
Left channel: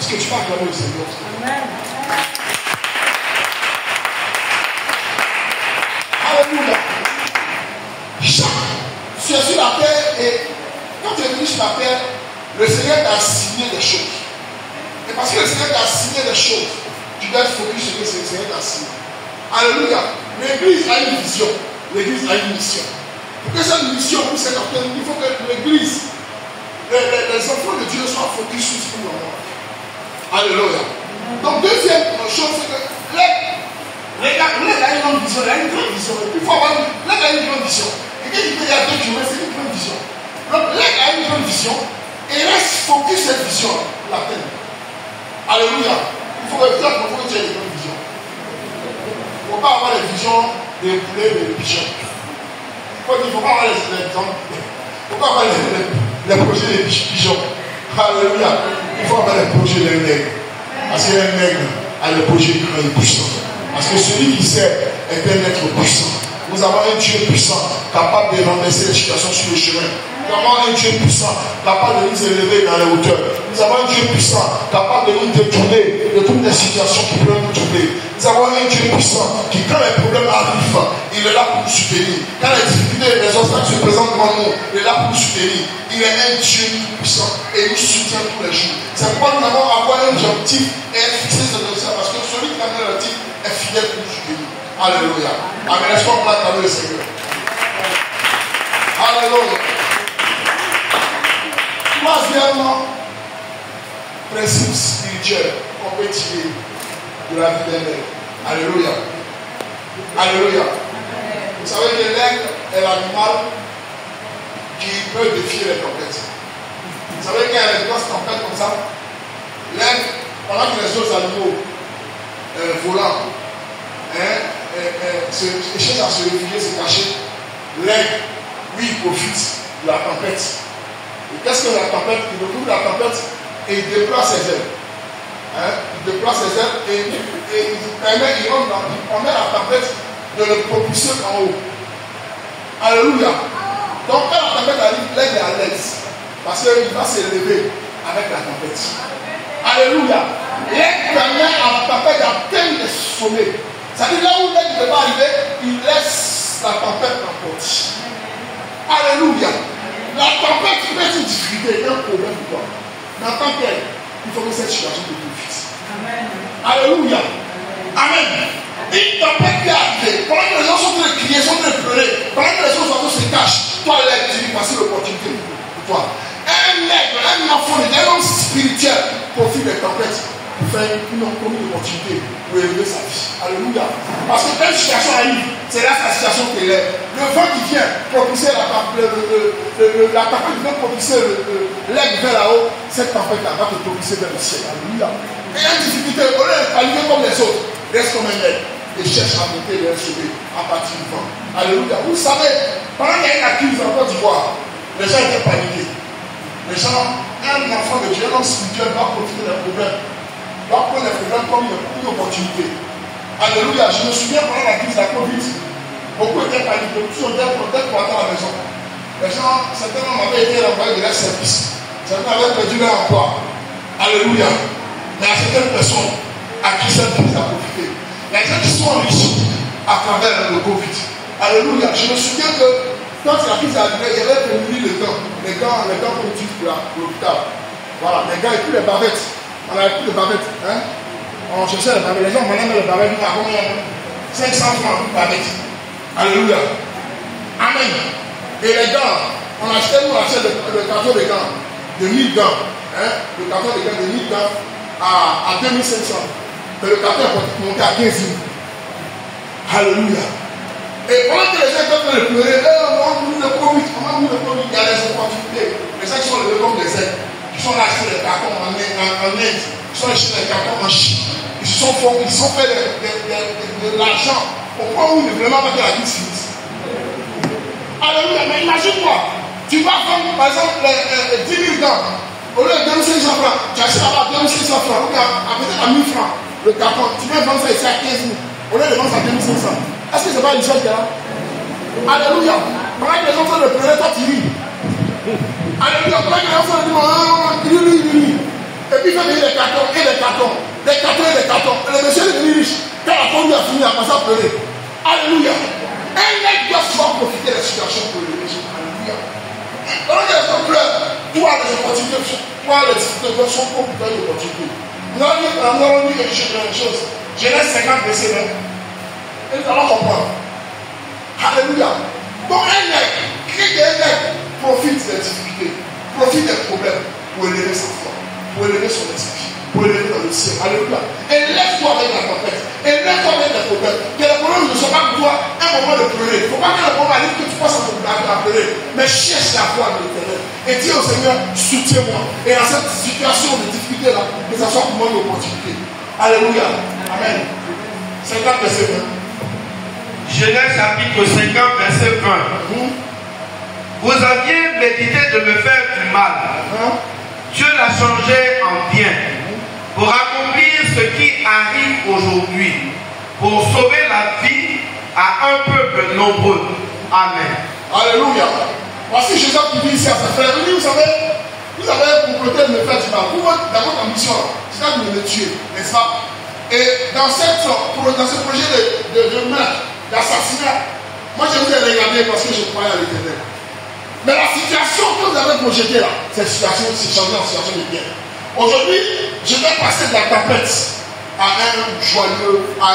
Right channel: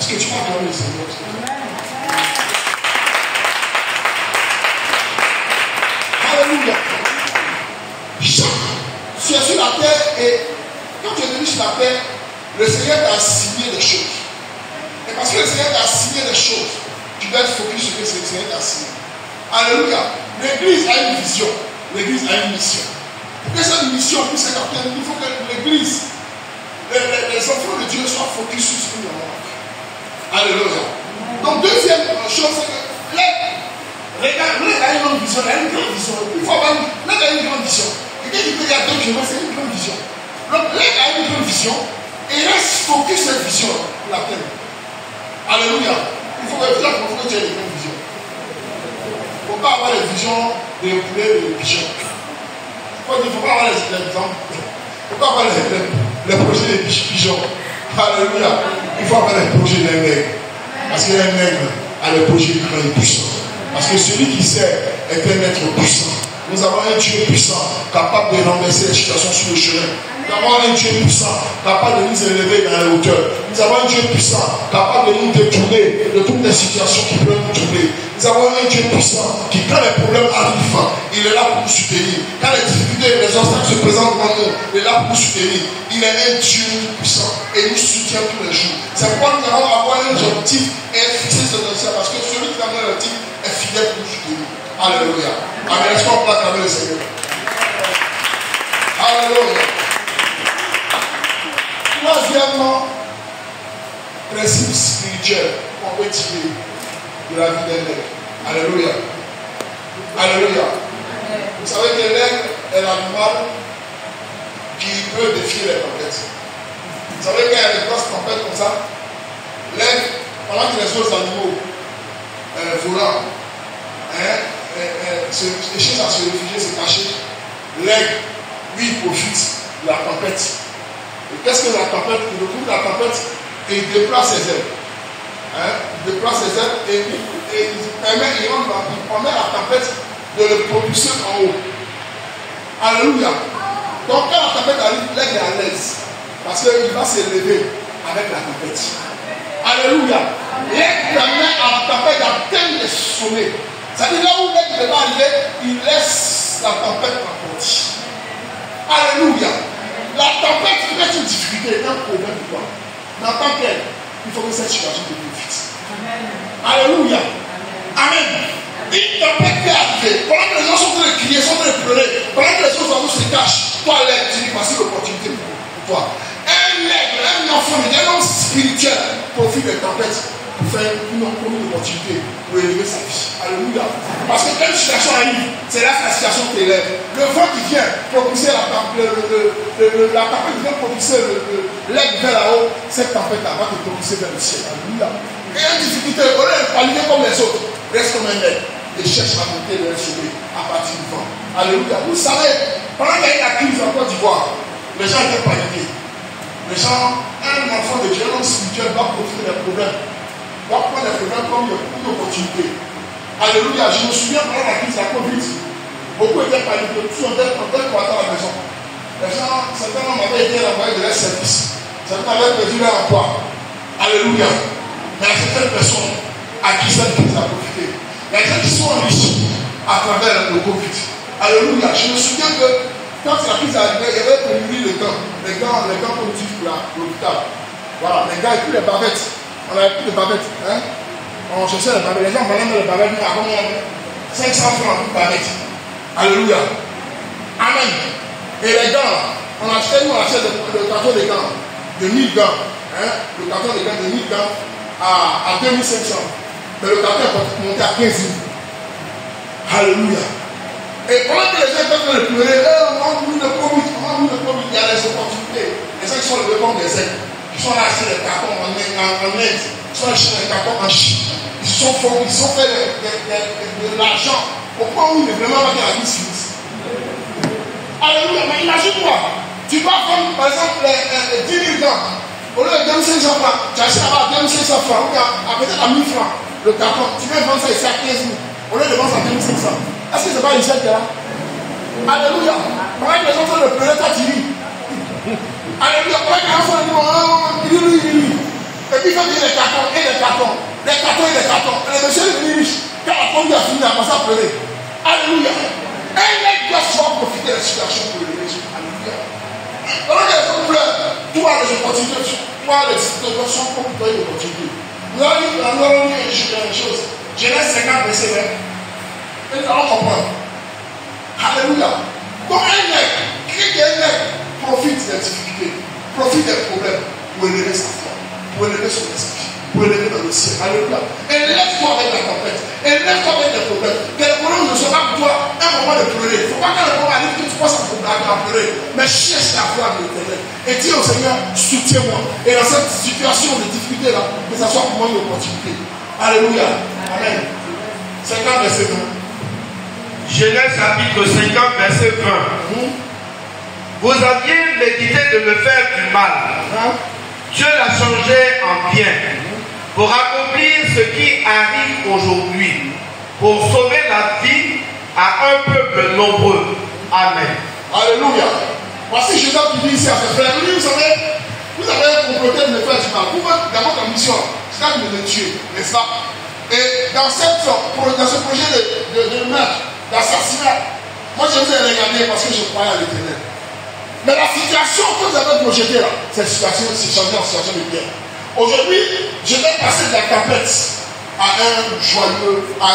Est-ce que tu parles de le Seigneur? Alléluia. Tu es sur la terre et quand tu es venu sur la terre, le Seigneur t'a assigné des choses. Et parce que le Seigneur t'a assigné des choses, tu dois être focus sur ce que le Seigneur t'a assigné. Alléluia. L'église a une vision. L'église a une mission. Pour que cette mission puisse être atteinte, il faut que l'église, les enfants de Dieu soient focus sur ce qu'ils ont. Alléluia. Donc, deuxième chose, c'est que l'église a une grande vision. Il y a une grande vision. Il faut avoir l'église a une grande vision. Et quand il peut y avoir 2 kilomètres, c'est une grande vision. Donc, l'église a une grande vision et reste focus sur cette vision, la peine. Alléluia. Il faut que tu aies une grande vision. Il ne faut pas avoir les visions des poulets et des pigeons. Il ne faut pas avoir les visions. Il ne faut pas avoir les projets des pigeons. Alléluia. Il faut avoir les projets des nègres. Parce que les nègres a les projets grands et puissants. Parce que celui qui sait est un être puissant. Nous avons un Dieu puissant, capable de renverser les situations sur le chemin. Nous avons un Dieu puissant, capable de nous élever dans les hauteurs. Nous avons un Dieu puissant, capable de nous détourner de toutes les situations qui peuvent nous tourner. Nous avons un Dieu puissant qui, quand les problèmes arrivent, il est là pour nous soutenir. Quand les difficultés et les obstacles se présentent devant nous, il est là pour nous soutenir. Il est un Dieu puissant et nous soutient tous les jours. C'est pourquoi nous devons avoir un objectif et être fixé sur notre sort. Parce que celui qui a un objectif est fidèle pour nous soutenir. Alléluia. Amen. Est-ce qu'on peut acclamer le Seigneur? Alléluia. Troisièmement, principe spirituel qu'on peut tirer de la vie d'un nègre. Alléluia. Alléluia. Vous savez que l'aigle est l'animal qui peut défier les tempêtes. Vous savez qu'il y a des grosses tempêtes comme ça. L'aigle, pendant que les autres animaux volants cherchent à se réfugier, se cacher, l'aigle, lui, il profite de la tempête. Et qu'est-ce que la tempête? Il retrouve la tempête et il déploie ses ailes. Il déploie ses ailes et il permet à la tempête de le propulser en haut. Alléluia. Donc quand la tempête arrive, l'aigle est à l'aise. Parce qu'il va s'élever avec la tempête. Alléluia. L'aigle permet à la tempête d'atteindre les sommets. C'est-à-dire là où l'aigle ne va arriver, il laisse la tempête emporter. Alléluia. La tempête peut être une difficulté, un problème pour toi. Mais en tant qu'elle, il faut que cette situation te profite. Alléluia. Amen. Une tempête peut arriver. Pendant que les gens sont en train de crier, sont en train de pleurer, pendant que les autres se cachent, toi, l'aigle, tu lui passes l'opportunité pour toi. Un aigle, un enfant, un homme spirituel profite des tempêtes pour faire une opportunité pour élever sa vie. Alléluia. Parce que quand une situation arrive, c'est là que la situation t'élève. Le vent qui vient propulser la tempête qui vient propulser l'aigle vers là-haut, cette tempête-là va te propulser vers le ciel. Alléluia. Et il y a une difficulté, au lieu de paniquer comme les autres, reste comme un aigle et cherche à monter vers le sommet à partir du vent. Alléluia. Vous savez, pendant qu'il y a une crise en Côte d'Ivoire, les gens étaient paniqués. Les gens, un enfant de Dieu, un spirituel va profiter des problèmes. Va prendre les problèmes comme une opportunité. Alléluia. Je me souviens pendant la crise de la Covid, beaucoup étaient paniqués. Tous étaient peut-être pour attendre à la maison. Les gens, certains hommes avaient été envoyés de leur service. Certains avaient perdu leur emploi. Alléluia. Mais il y a certaines personnes à qui cette crise a profité. Il y a des gens qui sont enrichis à travers le Covid. Alléluia. Je me souviens que quand la crise est arrivée, il y avait pénurie de gants. Les gants qu'on utilise pour l'hôpital. Voilà, les gants et puis les bavettes. On n'avait plus de bavettes. Hein? On cherchait les bavettes. Les gens prenaient les bavettes. Nous avons 500 francs pour bavettes. Alléluia. Amen. Et les gants, on achetait le carton des gants de 1000 gants. Hein? Le carton des gants de 1000 gants à 2500. Mais le carton est monté à 15 000. Alléluia. Et pendant que les gens étaient en train de pleurer, on a voulu le Covid, il y a les opportunités. Les gens qui sont levés comme des ailes, qui sont là acheter des cartons en Inde, qui sont achetés des cartons en Chine. Ils ont fait de l'argent au point où il est vraiment pas de la vie civile. Alléluia, mais imagine-toi, tu vas prendre par exemple les 10 000 gants, au lieu de 2500 francs, tu achètes là-bas 2500 francs, ou à peut-être à 1000 francs le carton, tu viens vendre ça ici à 15 000, au lieu de vendre ça à 2500. Est-ce que ce n'est pas une chose qui est là? Alléluia. Pendant que les gens sont en train de pleurer, toi tu ris. Alléluia. Pendant que les gens sont en train de rit. Et puis il fait venir des cartons et des cartons. Des cartons et des cartons. Et le monsieur est devenu riche. Quand la famille a fini, il a passé à pleurer. Alléluia. Un mec doit souvent profiter des situations pour le riche. Alléluia. Pendant que les gens pleurent, tu as les opportunités. Tu as les situations pour faire des opportunités. Nous allons dire quelque chose. Genèse 50, verset 20. Et nous allons comprendre. Alléluia. Donc un nègre, qui est un nègre, profite des difficultés, profite des problèmes pour élever sa foi, pour élever son esprit, pour élever dans le ciel. Alléluia. Et lève-toi avec la tempête. Et lève-toi avec les problèmes. Que les problèmes ne soient pas pour toi un moment de pleurer. Il ne faut pas que le problème arrive que tu passes à pleurer. Mais cherche la foi de l'Éternel. Et dis au Seigneur, soutiens-moi. Et dans cette situation de difficulté là, que ça soit pour moi une opportunité. Alléluia. Amen. 50 verset 20. Genèse chapitre 50 verset 20. Vous aviez médité de me faire du mal. Dieu l'a changé en bien pour accomplir ce qui arrive aujourd'hui, pour sauver la vie à un peuple nombreux. Amen. Alléluia. Voici Jésus qui dit ici à ses frères, vous avez comploté de me faire du mal. Vous, dans votre ambition, c'est de me tuer, n'est-ce pas? Et dans ce projet de meurtre, d'assassinat, moi je vous ai regardé parce que je croyais à l'Éternel. Mais la situation que vous avez projetée là, cette situation, c'est changé en situation de bien. Aujourd'hui, je vais passer de la tempête à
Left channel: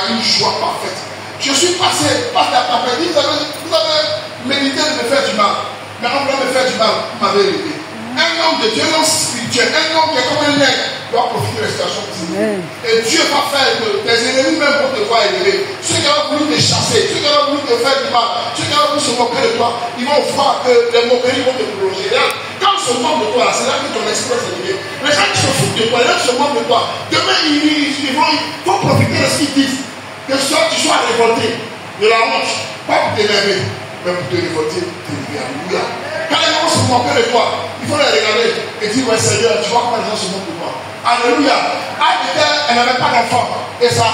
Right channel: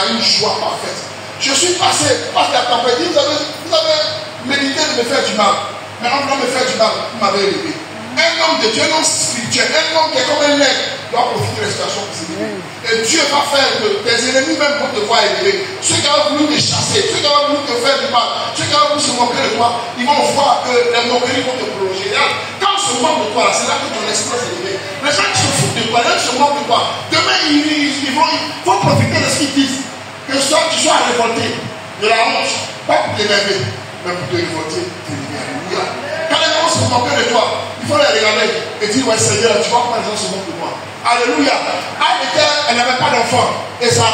une joie parfaite. Je suis passé par la tempête. Vous avez médité de me faire du mal. Mais en voulant me faire du mal, vous m'avez élevé. Un homme de Dieu, un homme spirituel, un homme qui est comme un nègre, doit profiter de la situation qui s'est élevée. Et Dieu va faire que tes ennemis même vont te voir élevé. Ceux qui ont voulu te chasser, ceux qui ont voulu te faire du mal, ceux qui ont voulu se moquer de toi, ils vont voir que les moqueries vont te prolonger. Regarde, quand on se moque de toi, c'est là que ton esprit s'est élevé. Les gens qui se foutent de toi, les gens qui se moquent de toi, demain ils vont profiter de ce qu'ils disent. Que tu sois révolté de la honte, pas pour t'énerver, mais pour te révolter, Alléluia. Quand les gens se moquent de toi, il faut les regarder et dire, ouais Seigneur, tu vois quand les gens se moquent de moi. Alléluia. Elle n'avait pas d'enfant. Et sa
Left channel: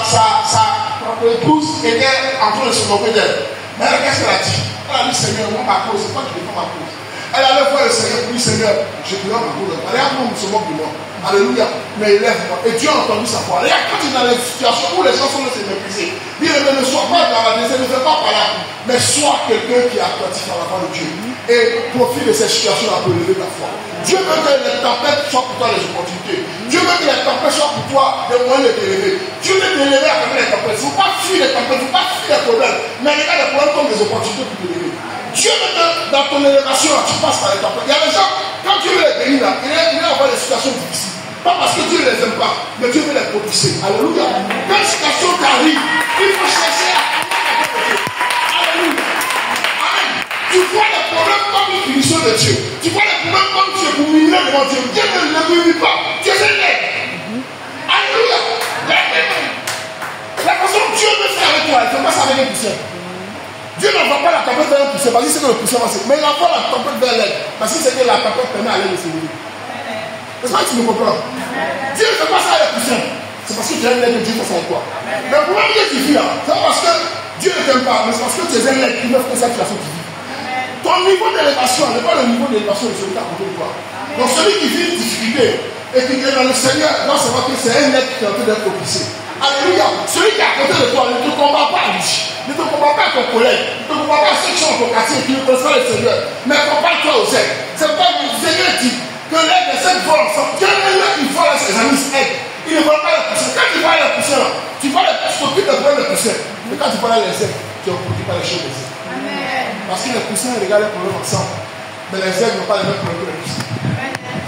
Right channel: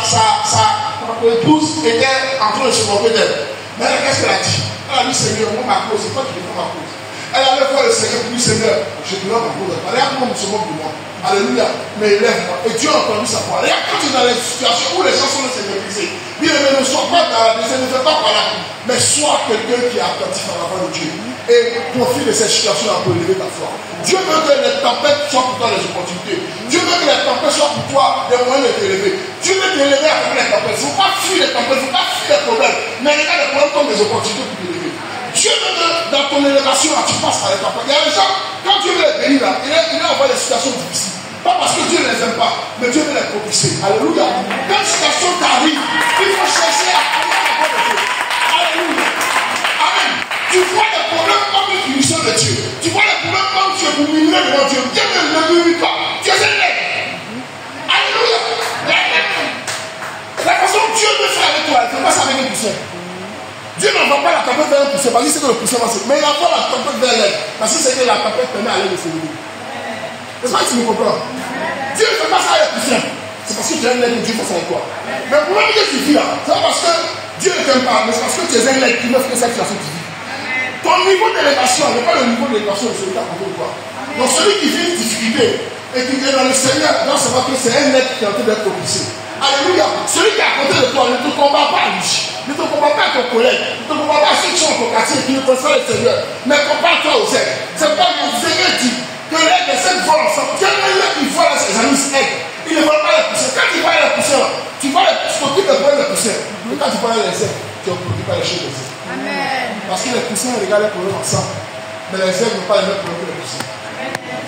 épouse était en train de se moquer d'elle. Mais elle, qu'est-ce qu'elle a dit? Elle a dit, Seigneur, moi ma cause, c'est toi qui défends ma cause. Elle allait voir le Seigneur pour lui, Seigneur, je te donne ma cause. Regarde comment on se moque de moi. Alléluia. Mais élève-moi. Et Dieu a entendu sa voix. Regarde, quand tu es dans les situations où les gens sont laissés mépriser, ne sois pas dans la décision, ne fais pas par là. Mais sois quelqu'un qui est attentif à la voix de Dieu. Et profite de cette situation-là pour élever ta foi. Dieu veut que les tempêtes soient pour toi des opportunités. Dieu veut que les tempêtes soient pour toi des moyens de t'élever. Dieu veut t'élever à travers les tempêtes. Il ne faut pas fuir les tempêtes, il ne faut pas fuir les problèmes. Mais regarde les problèmes comme des opportunités pour t'élever. Dieu veut que dans ton élévation, tu passes par les tempêtes. Il y a des gens, quand Dieu veut les bénir, là, il va avoir des situations difficiles. Pas parce que Dieu ne les aime pas, mais Dieu veut les propulser. Alléluia. Quand une situation t'arrive, il faut chercher à connaître la voix de Dieu. Alléluia. Amen. Tu vois les problèmes comme une punition de Dieu. Tu vois les problèmes comme Dieu pour murmurer devant Dieu. Dieu ne murmure pas. Dieu est là. Alléluia. La façon que Dieu veut faire avec toi, il ne fait pas ça avec un poussière. Dieu n'envoie pas la tempête vers un poussière parce qu'il sait que le poussière va se. Mais il envoie la tempête vers l'air parce qu'il sait que la tempête permet à l'air de s'élever. N'est-ce pas que tu me comprends? Dieu ne fait pas ça avec la poussière. C'est parce que tu es un nègre que Dieu fait ça avec toi. Mais le problème que tu vis là, c'est pas parce que Dieu ne t'aime pas, mais c'est parce que tu es un nègre qui ne fait que cette situation que tu vis. Ton niveau d'élévation n'est pas le niveau d'élévation de celui qui a côté de toi. Donc celui qui vit une difficulté et qui est dans le Seigneur doit savoir que c'est un être qui est en train d'être propulsé. Alléluia. Celui qui est à côté de toi ne te combat pas à lui. Ne te combat pas à ton collègue. Ne te combat pas à ceux qui sont dans ton quartier qui ne connaissent pas le Seigneur. Mais compare-toi aux aides. C'est pas le Seigneur dit que l'aide et cette volent ensemble. Quel est qui vole ses amis aident? Il ne vole pas les poussières. Quand tu vois les poussières, tu t'occupes de voir les poussières. Mais quand tu vois les aides, tu t'occupes pas les choses des aides. Parce que les poussières regardent les problèmes ensemble. Mais les aides n'ont pas les mêmes problèmes que les poussières.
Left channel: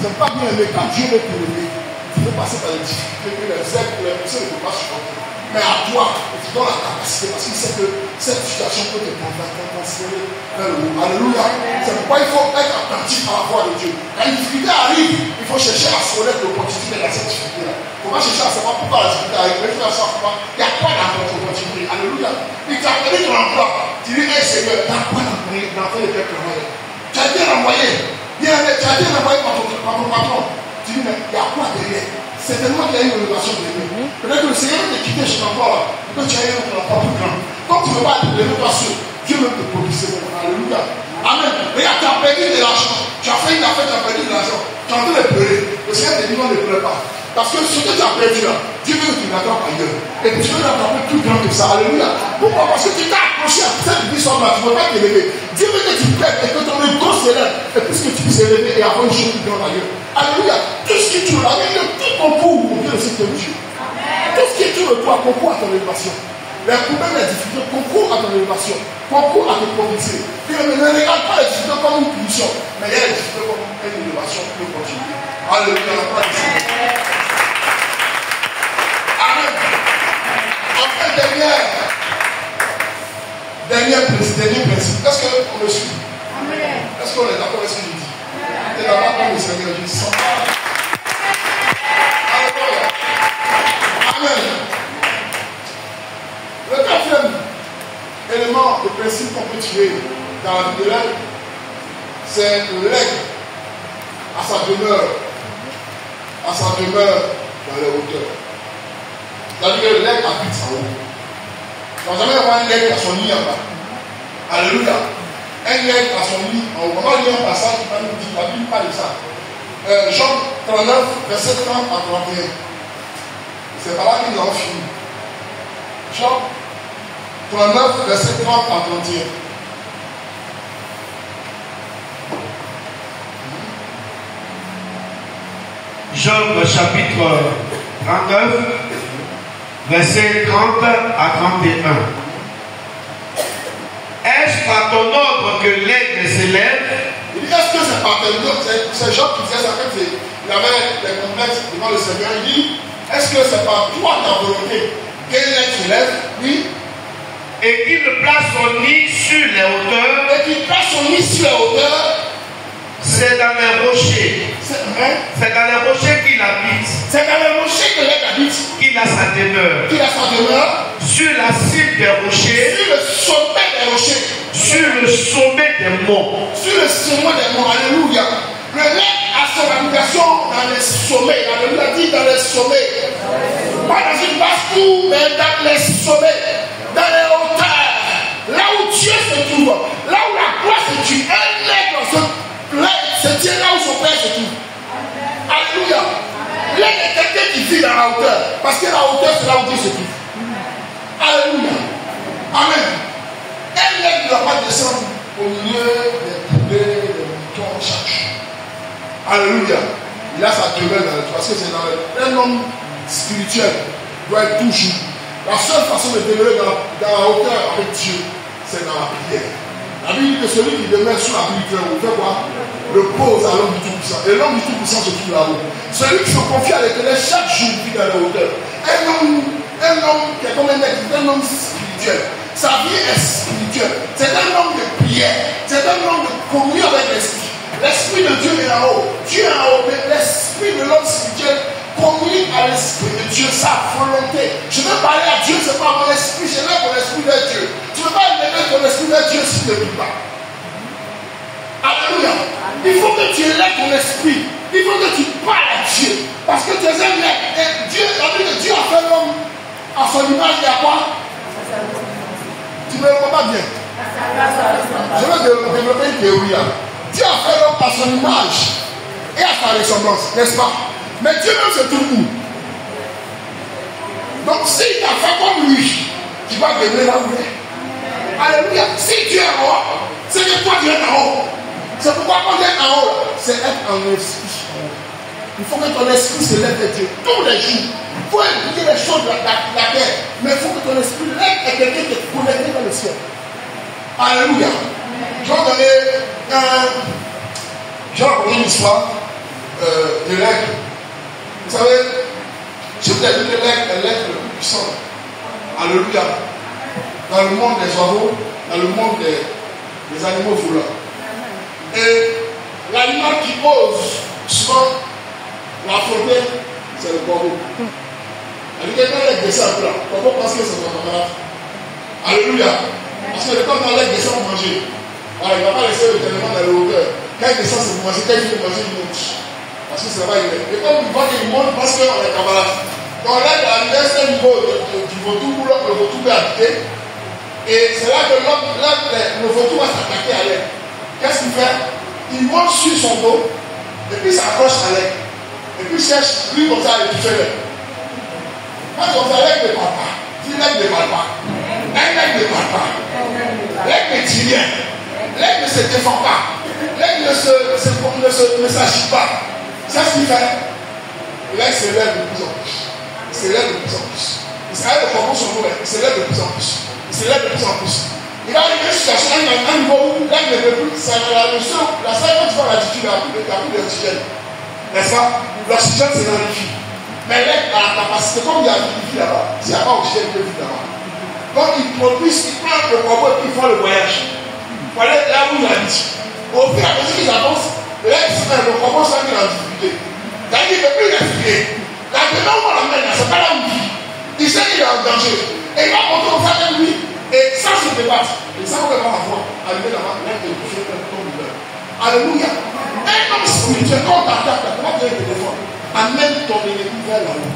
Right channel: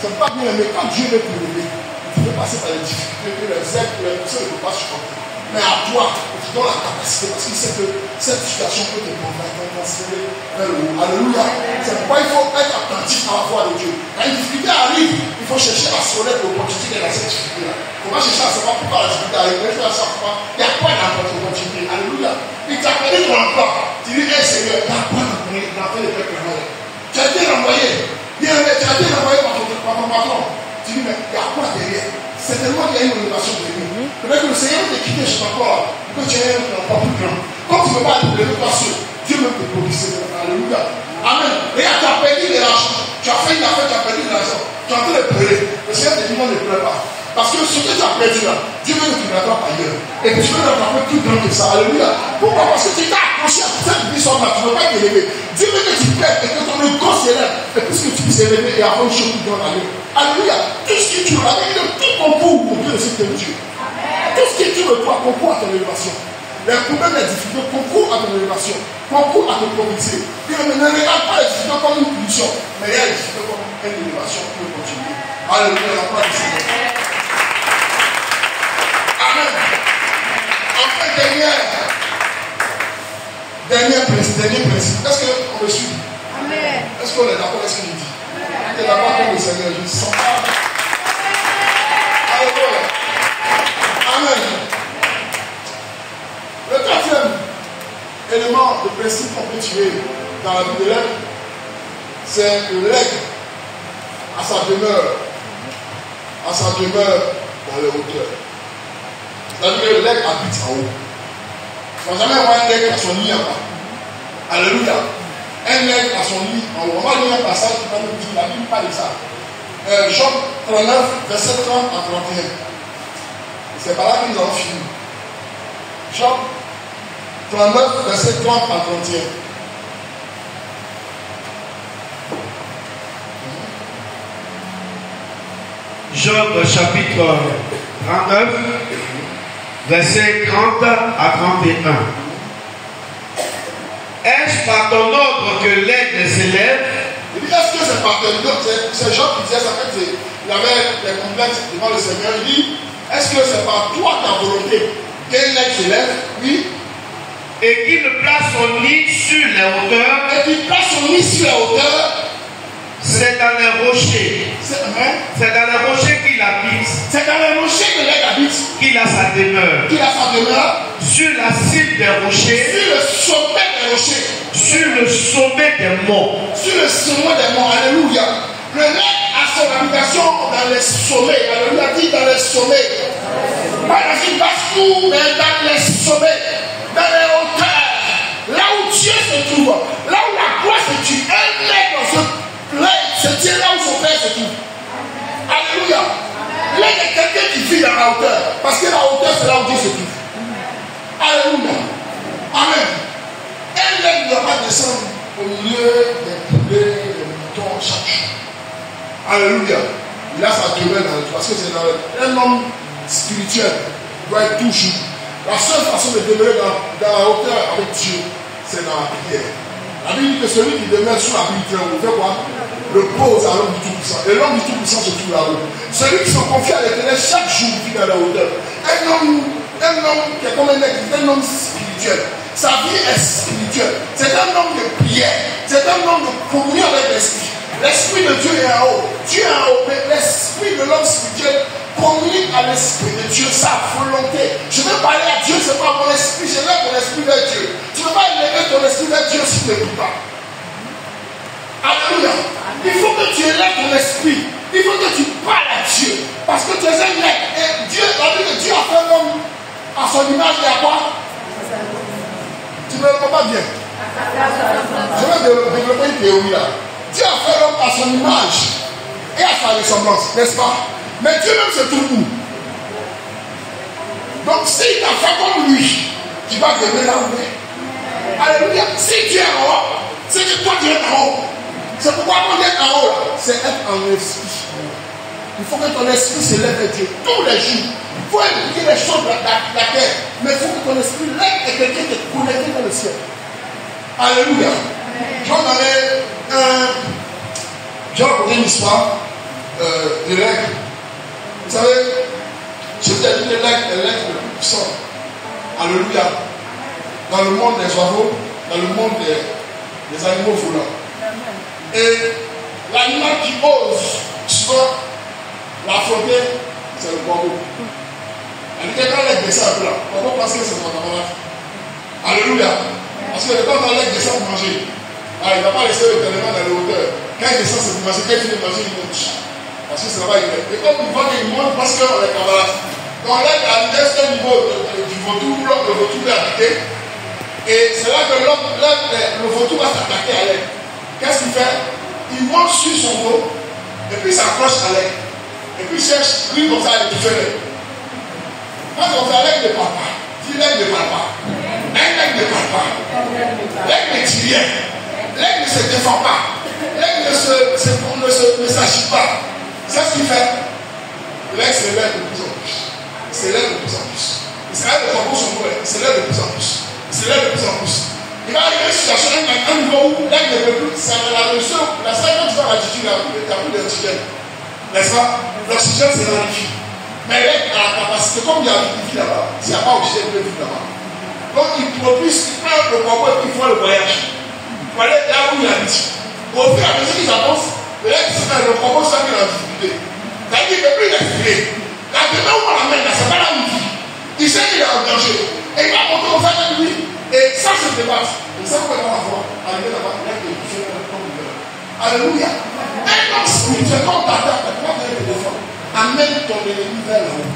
Ce n'est pas bien aimé quand Dieu veut te lever. Tu veux passer par les difficultés que les aides, que les poussières ne peuvent pas supporter. Mais à toi, tu donnes la capacité parce qu'il sait que cette situation peut te transférer vers le haut. Alléluia. C'est pourquoi il faut être attentif à la voix de Dieu. Quand une difficulté arrive, il faut chercher à se connaître l'opportunité dans cette difficulté-là. Il ne faut pas chercher à savoir pourquoi la difficulté arrive. Il faut savoir il y a quoi dans votre opportunité. Alléluia. Il t'a appelé ton emploi. Tu dis, hey Seigneur, il y a quoi dans le peuple envoyé? Tu as été envoyé. Tu as été envoyé par ton patron. Tu dis, mais il y a quoi derrière? C'est tellement qu'il y a une innovation de lui. Peut-être que le Seigneur t'a quitté chez ton corps, que tu as un emploi plus grand. Quand tu ne veux pas être l'innovation, Dieu veut te propulser. Alléluia. Amen. Regarde, tu as perdu de l'argent. Tu as fait une affaire, tu as perdu de l'argent. Tu es en train de pleurer. Le Seigneur te dit non, ne pleure pas. Parce que ce que tu as perdu là, Dieu veut que tu l'attrapes ailleurs. Et tu veux l'attraper plus grand que ça. Alléluia. Pourquoi? Parce que tu t'es accroché à cette puissance là, tu ne veux pas t'élever. Dieu veut que tu plaides et que ton ego s'élève. Et puisque tu puisses élever et avoir une chose plus grande ailleurs. Alléluia. Tout ce qui tourne, tout concourt au Dieu de cette Dieu. Tout ce qui tourne de toi concourt à ton élévation. Les problèmes, les difficultés concourent à ton élévation, concourent à te propulser. Puis ne regarde pas les difficultés comme une punition, mais il y a les difficultés comme une élévation pour continuer. Alléluia, la gloire du Seigneur. Amen. Enfin, dernier principe. Est-ce qu'on me suit? Amen. Est-ce qu'on est d'accord avec ce que je dis? Tu es d'accord avec le Seigneur, je sens pas. Alléluia. Amen. Le quatrième élément de principe qu'on peut tirer dans la vie de l'aigle, c'est l'aigle à sa demeure dans les hauteurs. C'est-à-dire que l'aigle habite en haut. On va jamais voir un aigle à son nid en bas. Alléluia. Un aigle à son nid en haut. On va lire un passage qui va nous dire, la Bible parle de ça. Job 39, verset 30 à 31. C'est par là que nous allons finir. Job 39, verset 30 à 31. Job chapitre 39, verset 30 à 31. Est-ce par ton ordre que l'aigle s'élève? Il dit, est-ce que c'est par ton ordre? C'est Job qui disait ça quand il avait des complexes devant le Seigneur. Il dit, est-ce que c'est par toi ta volonté que l'aigle s'élève? Oui. Et qu'il place son nid sur les hauteurs. Et qu'il place son nid sur les hauteurs. C'est dans les rochers. C'est dans les rochers qu'il habite. C'est dans les rochers que l'aigle habite. Qu'il a sa demeure. Qu'il a sa demeure. Sur la cime des rochers. Sur le sommet des rochers. Sur le sommet des monts. Sur le sommet des monts. Alléluia. Le l'aigle a son habitation dans les sommets. Alléluia dit dans les sommets. Pas dans une basse tour, mais dans les sommets. Dans les hauteurs. Là où Dieu se trouve. Là où la gloire se trouve. Un aigle se tient là où son père se trouve. Alléluia. L'aigle est quelqu'un qui vit dans la hauteur. Parce que la hauteur, c'est là où Dieu se trouve. Alléluia. Amen. Un aigle ne doit pas descendre au milieu des poulets, des moutons chaque jour. Alléluia. Il a sa demeure dans le toit. Parce que c'est un homme spirituel doit être toujours. La seule façon de demeurer dans la hauteur avec Dieu, c'est dans la prière. La Bible dit que celui qui demeure sous la Bible, on fait quoi? Repose à l'homme du Tout-Puissant. Et l'homme du Tout-Puissant se trouve là-haut. Celui qui se confie à l'Éternel chaque jour vit dans la hauteur. Un homme qui est comme un aigle, un homme spirituel. Sa vie est spirituelle. C'est un homme de prière. C'est un homme de communion avec l'Esprit. L'Esprit de Dieu est en haut. Dieu est en haut. Mais l'Esprit de l'homme spirituel communique à l'Esprit de Dieu, sa volonté. Je veux parler à Dieu, c'est pas mon esprit, je lève mon esprit vers Dieu. Tu ne peux pas élever ton esprit vers Dieu si tu ne le dis pas. Alléluia. Il faut que tu élèves ton esprit. Il faut que tu parles à Dieu. Parce que tu es un aigle. Et Dieu, Dieu a fait l'homme à son image et à quoi? Tu ne me comprends pas bien. Je vais développer une théorie là. Dieu a fait l'homme à son image et à sa ressemblance, n'est-ce pas? Mais Dieu même se trouve où? Donc s'il t'a fait comme lui, tu vas devenir là où il est. Alléluia. Si Dieu est en haut, c'est que toi tu es en haut. C'est pourquoi on est en haut, c'est être en esprit. Il faut que ton esprit se lève vers Dieu tous les jours. Il faut écouter les choses de la terre. Mais il faut que ton esprit lève et quelqu'un qui est connecté dans le ciel. Alléluia. Je vais donner une histoire de l'aigle. Vous savez, je vous ai dit que l'aigle est l'aigle le plus puissant. Alléluia. Dans le monde des oiseaux, dans le monde des animaux volants. Et l'animal qui ose souvent l'affronter, c'est le corbeau. Elle dit que quand l'aigle descend un peu là, le corbeau pense que c'est ton camarade. Alléluia. Parce que quand l'aigle descend pour manger, il ne va pas laisser l'éternellement dans la hauteur. Quand il descend, c'est pour manger. Quand il finit de manger, il monte. Parce que c'est là-bas il est. Et comme il voit qu'il monte, parce qu'on est camarades. Donc l'aigle a un certain niveau du vautour où le vautour peut habiter. Et c'est là que le vautour va s'attaquer à l'aigle. Qu'est-ce qu'il fait? Il monte sur son dos, et puis il s'accroche à l'aigle. Et puis il cherche, lui comme ça, il fait l'aigle. Quand on fait l'aigle ne parle pas, dit l'aigle ne parle pas. L'aigle ne parle pas. L'aigle ne dit rien. L'aigle ne se défend pas. L'aigle ne s'agit pas. C'est ce qu'il fait. L'aigle s'élève de plus en plus. Il s'élève de plus en plus. Il C'est là le corbeau sur nous, il se lève de plus en plus. Il se lève de plus en plus. Il va arriver à une situation, à un niveau où là, il ne peut plus. C'est la seule quand tu vas à l'altitude, tu as plus d'oxygène. N'est-ce pas? L'oxygène, c'est dans les filles. Mais là, à la capacité, comme il y a une vie là-bas, s'il n'y a pas d'oxygène, il y a une vie là-bas. Donc, il produit, il prend le corbeau et puis il fait le voyage. Il faut aller là où il habite. Au fur et à mesure qu'ils avancent, le corbeau sent qu'il est en difficulté. C'est-à-dire qu'il ne peut plus respirer. La demeure où on l'emmène, c'est pas là où il vit. Il sait qu'il est en danger. Et il va monter au fait de lui. Et ça se dépasse. Et ça, on va voir arriver là-bas, là, il est comme il veut. Alléluia. Un homme spirituel, quand on t'attaque, comment tu te défendre? Amène ton ennemi vers le haut.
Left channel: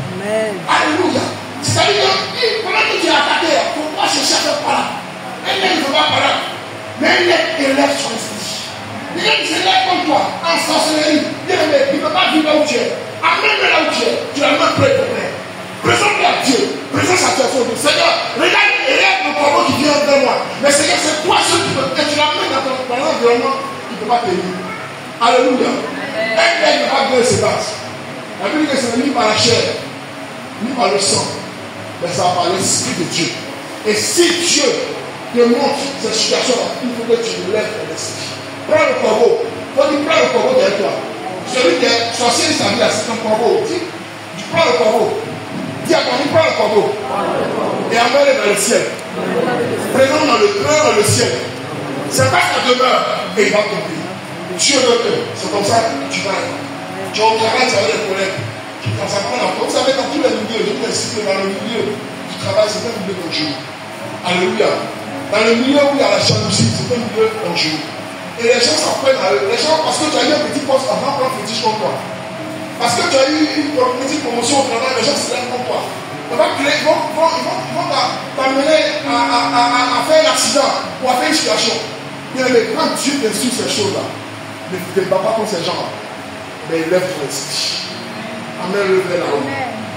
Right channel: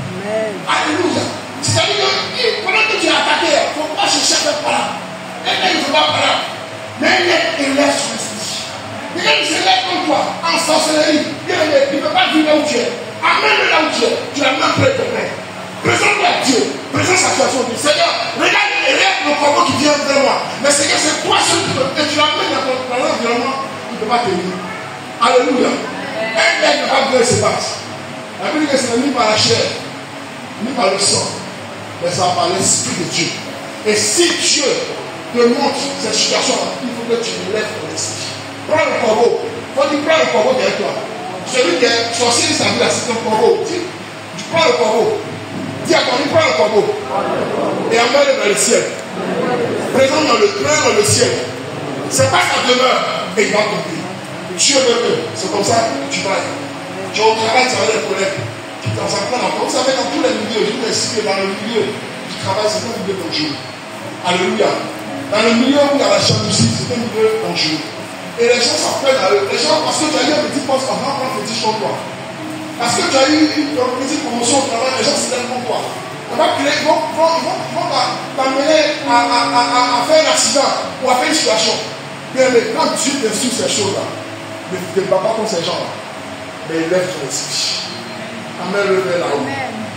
Alléluia. C'est-à-dire que pendant que tu es attaqué, il ne faut pas chercher à faire par là. Un homme ne faut pas par là. Mais un homme élève son esprit. Il se lève comme toi, en sorcellerie. Il ne peut pas vivre là où tu es. Amène-le là où tu es. Tu l'as même prêt pour prêt. Présente-le à Dieu. Présente sa situation au Dieu. Seigneur, regarde le corbeau qui vient vers moi. Mais Seigneur, c'est toi seul qui peux. Et tu l'amènes dans l'environnement, il ne peut pas te vivre. Alléluia. Un mec n'est pas bien se passe. La Bible dit que c'est ni par la chair, ni par le sang, mais ça va par l'Esprit de Dieu. Et si Dieu te montre cette situation-là, il faut que tu lèves ton esprit. Prends le corbeau. Quand tu prends le corbeau derrière toi, celui qui est sorcier de sa vie, c'est ton corbeau. Tu prends le corbeau. Dis à ton ami, prends le corbeau. Et emmène-le dans le ciel. Présente dans le ciel. C'est pas sa demeure. Et il va tomber. Dieu veut. C'est comme ça que tu vas être. Tu vas au travail, tu vas des collègues. Dans sa prendre encore. Vous savez, dans tous les milieux, je vous explique, dans le milieu du travail, c'est un milieu dangereux. Alléluia. Dans le milieu où il y a la jalousie, c'est un milieu dangereux. Et les gens s'apprennent à eux. Les gens, parce que tu as eu un petit poste avant de prendre petit comme toi. Parce que tu as eu une petite promotion au travail, les gens se lèvent comme toi. Ils vont t'amener à faire un accident ou à faire une situation. Bien, mais quand Dieu t'instruit ces choses-là, ne te bats pas contre ces gens-là. Mais lève ton esprit. Amène-le vers là-haut.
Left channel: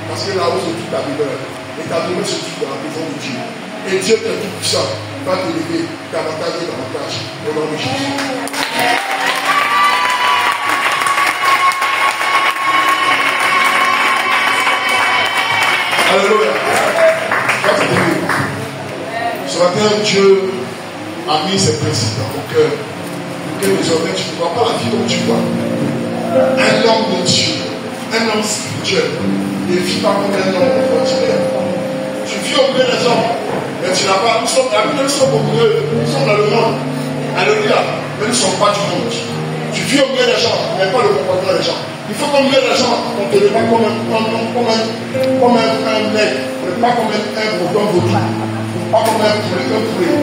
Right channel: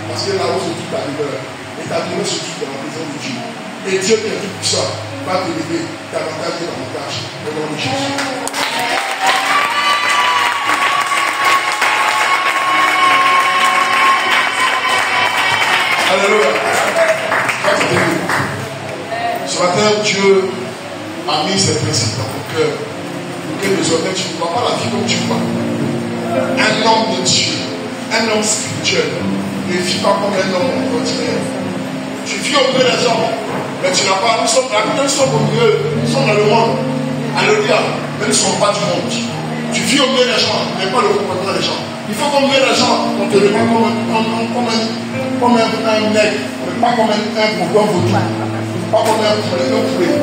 Parce que là-haut, c'est toute ta demeure. Et ta demeure se trouve dans la maison de Dieu. Et Dieu t'est tout puissant. Va t'élever davantage et davantage au nom de Jésus. Alléluia. Ce matin, Dieu a mis ses principes dans mon cœur. Pour que désormais, tu ne vois pas la vie comme tu vois. Un homme de Dieu, un homme spirituel, ne vit pas comme un homme ordinaire. Tu vis au milieu des hommes, mais tu n'as pas. Nous sommes au milieu, nous sommes dans le monde. Alléluia. Mais nous ne sommes pas du monde. Tu vis au milieu des gens, mais pas le comportement des gens. Il faut qu'au milieu des gens, on ne te met pas comme un nègre, pas comme un bourdon vaudou, pas comme un poulet.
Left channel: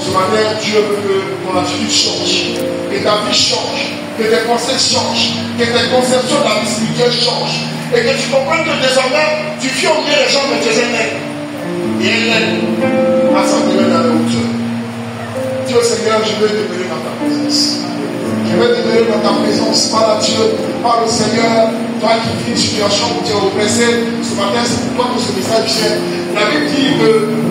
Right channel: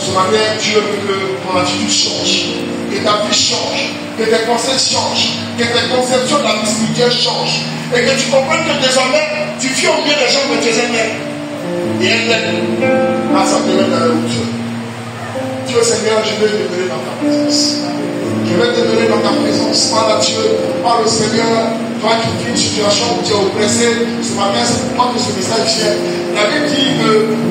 Ce matin, Dieu veut que ton attitude change, que ta vie change, que tes pensées changent, que tes conceptions de la vie spirituelle changent, et que tu comprennes que désormais, tu vis au milieu des gens, mais tu es un nègre. Et un nègre, ça te met dans la hauteur. Dis au Seigneur, je veux demeurer dans ta présence. Je vais demeurer dans ta présence. Parle à Dieu, parle au Seigneur. Toi qui vis une situation où tu es oppressé, ce matin c'est pour toi que ce message vient. La Bible dit que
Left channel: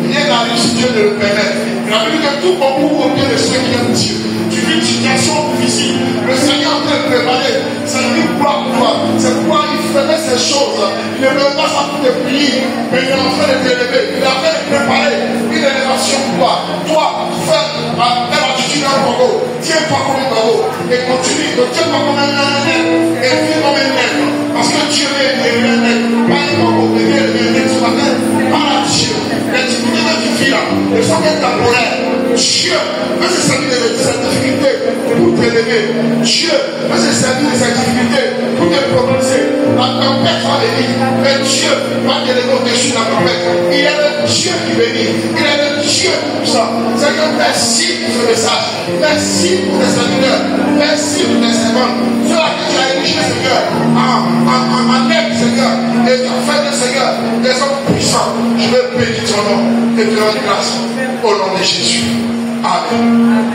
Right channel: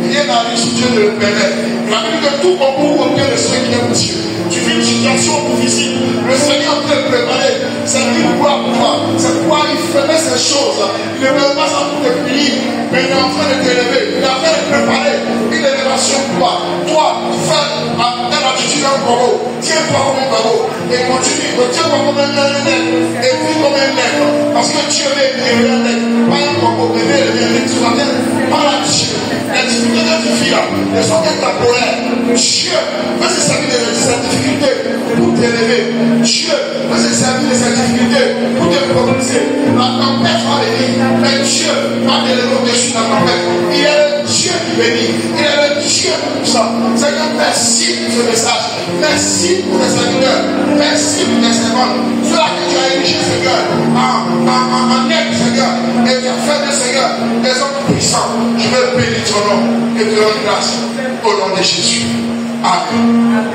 rien n'arrive si Dieu ne le permet. La Bible dit que tout concourt au cœur de ceux qui aiment Dieu. Tu vis une situation difficile. Le Seigneur peut préparer. C'est une gloire pour toi. C'est pourquoi il faisait ces choses. Il ne veut pas ça pour te punir, mais il est en train de t'élever. Il est en train de préparer une élévation pour toi. Toi, fais la attitude d'un corbeau. Tiens-toi comme un corbeau. Et continue. Tiens-toi comme un nègre. Et vis comme un nègre. Parce que Dieu est un nègre. Pas un corbeau. Mais il est un nègre. Ce matin, parle à Dieu. Explique la vie là. Et sans qu'elle t'apprenne. Dieu veut se servir de cette difficulté pour t'élever. Dieu veut se servir de cette difficulté pour te progresser. La tempête va venir. Mais Dieu va t'élever au-dessus de la tempête. Il est le Dieu qui bénit. Il est le Dieu puissant. Seigneur, merci pour ce message. Merci pour les serviteurs. Merci pour tes servants. Ceux-là que tu as érigé, Seigneur, en aide, Seigneur. Et tu as fait, Seigneur, des hommes puissants. Je veux bénir ton nom et te rendre grâce au nom de Jésus. Amen.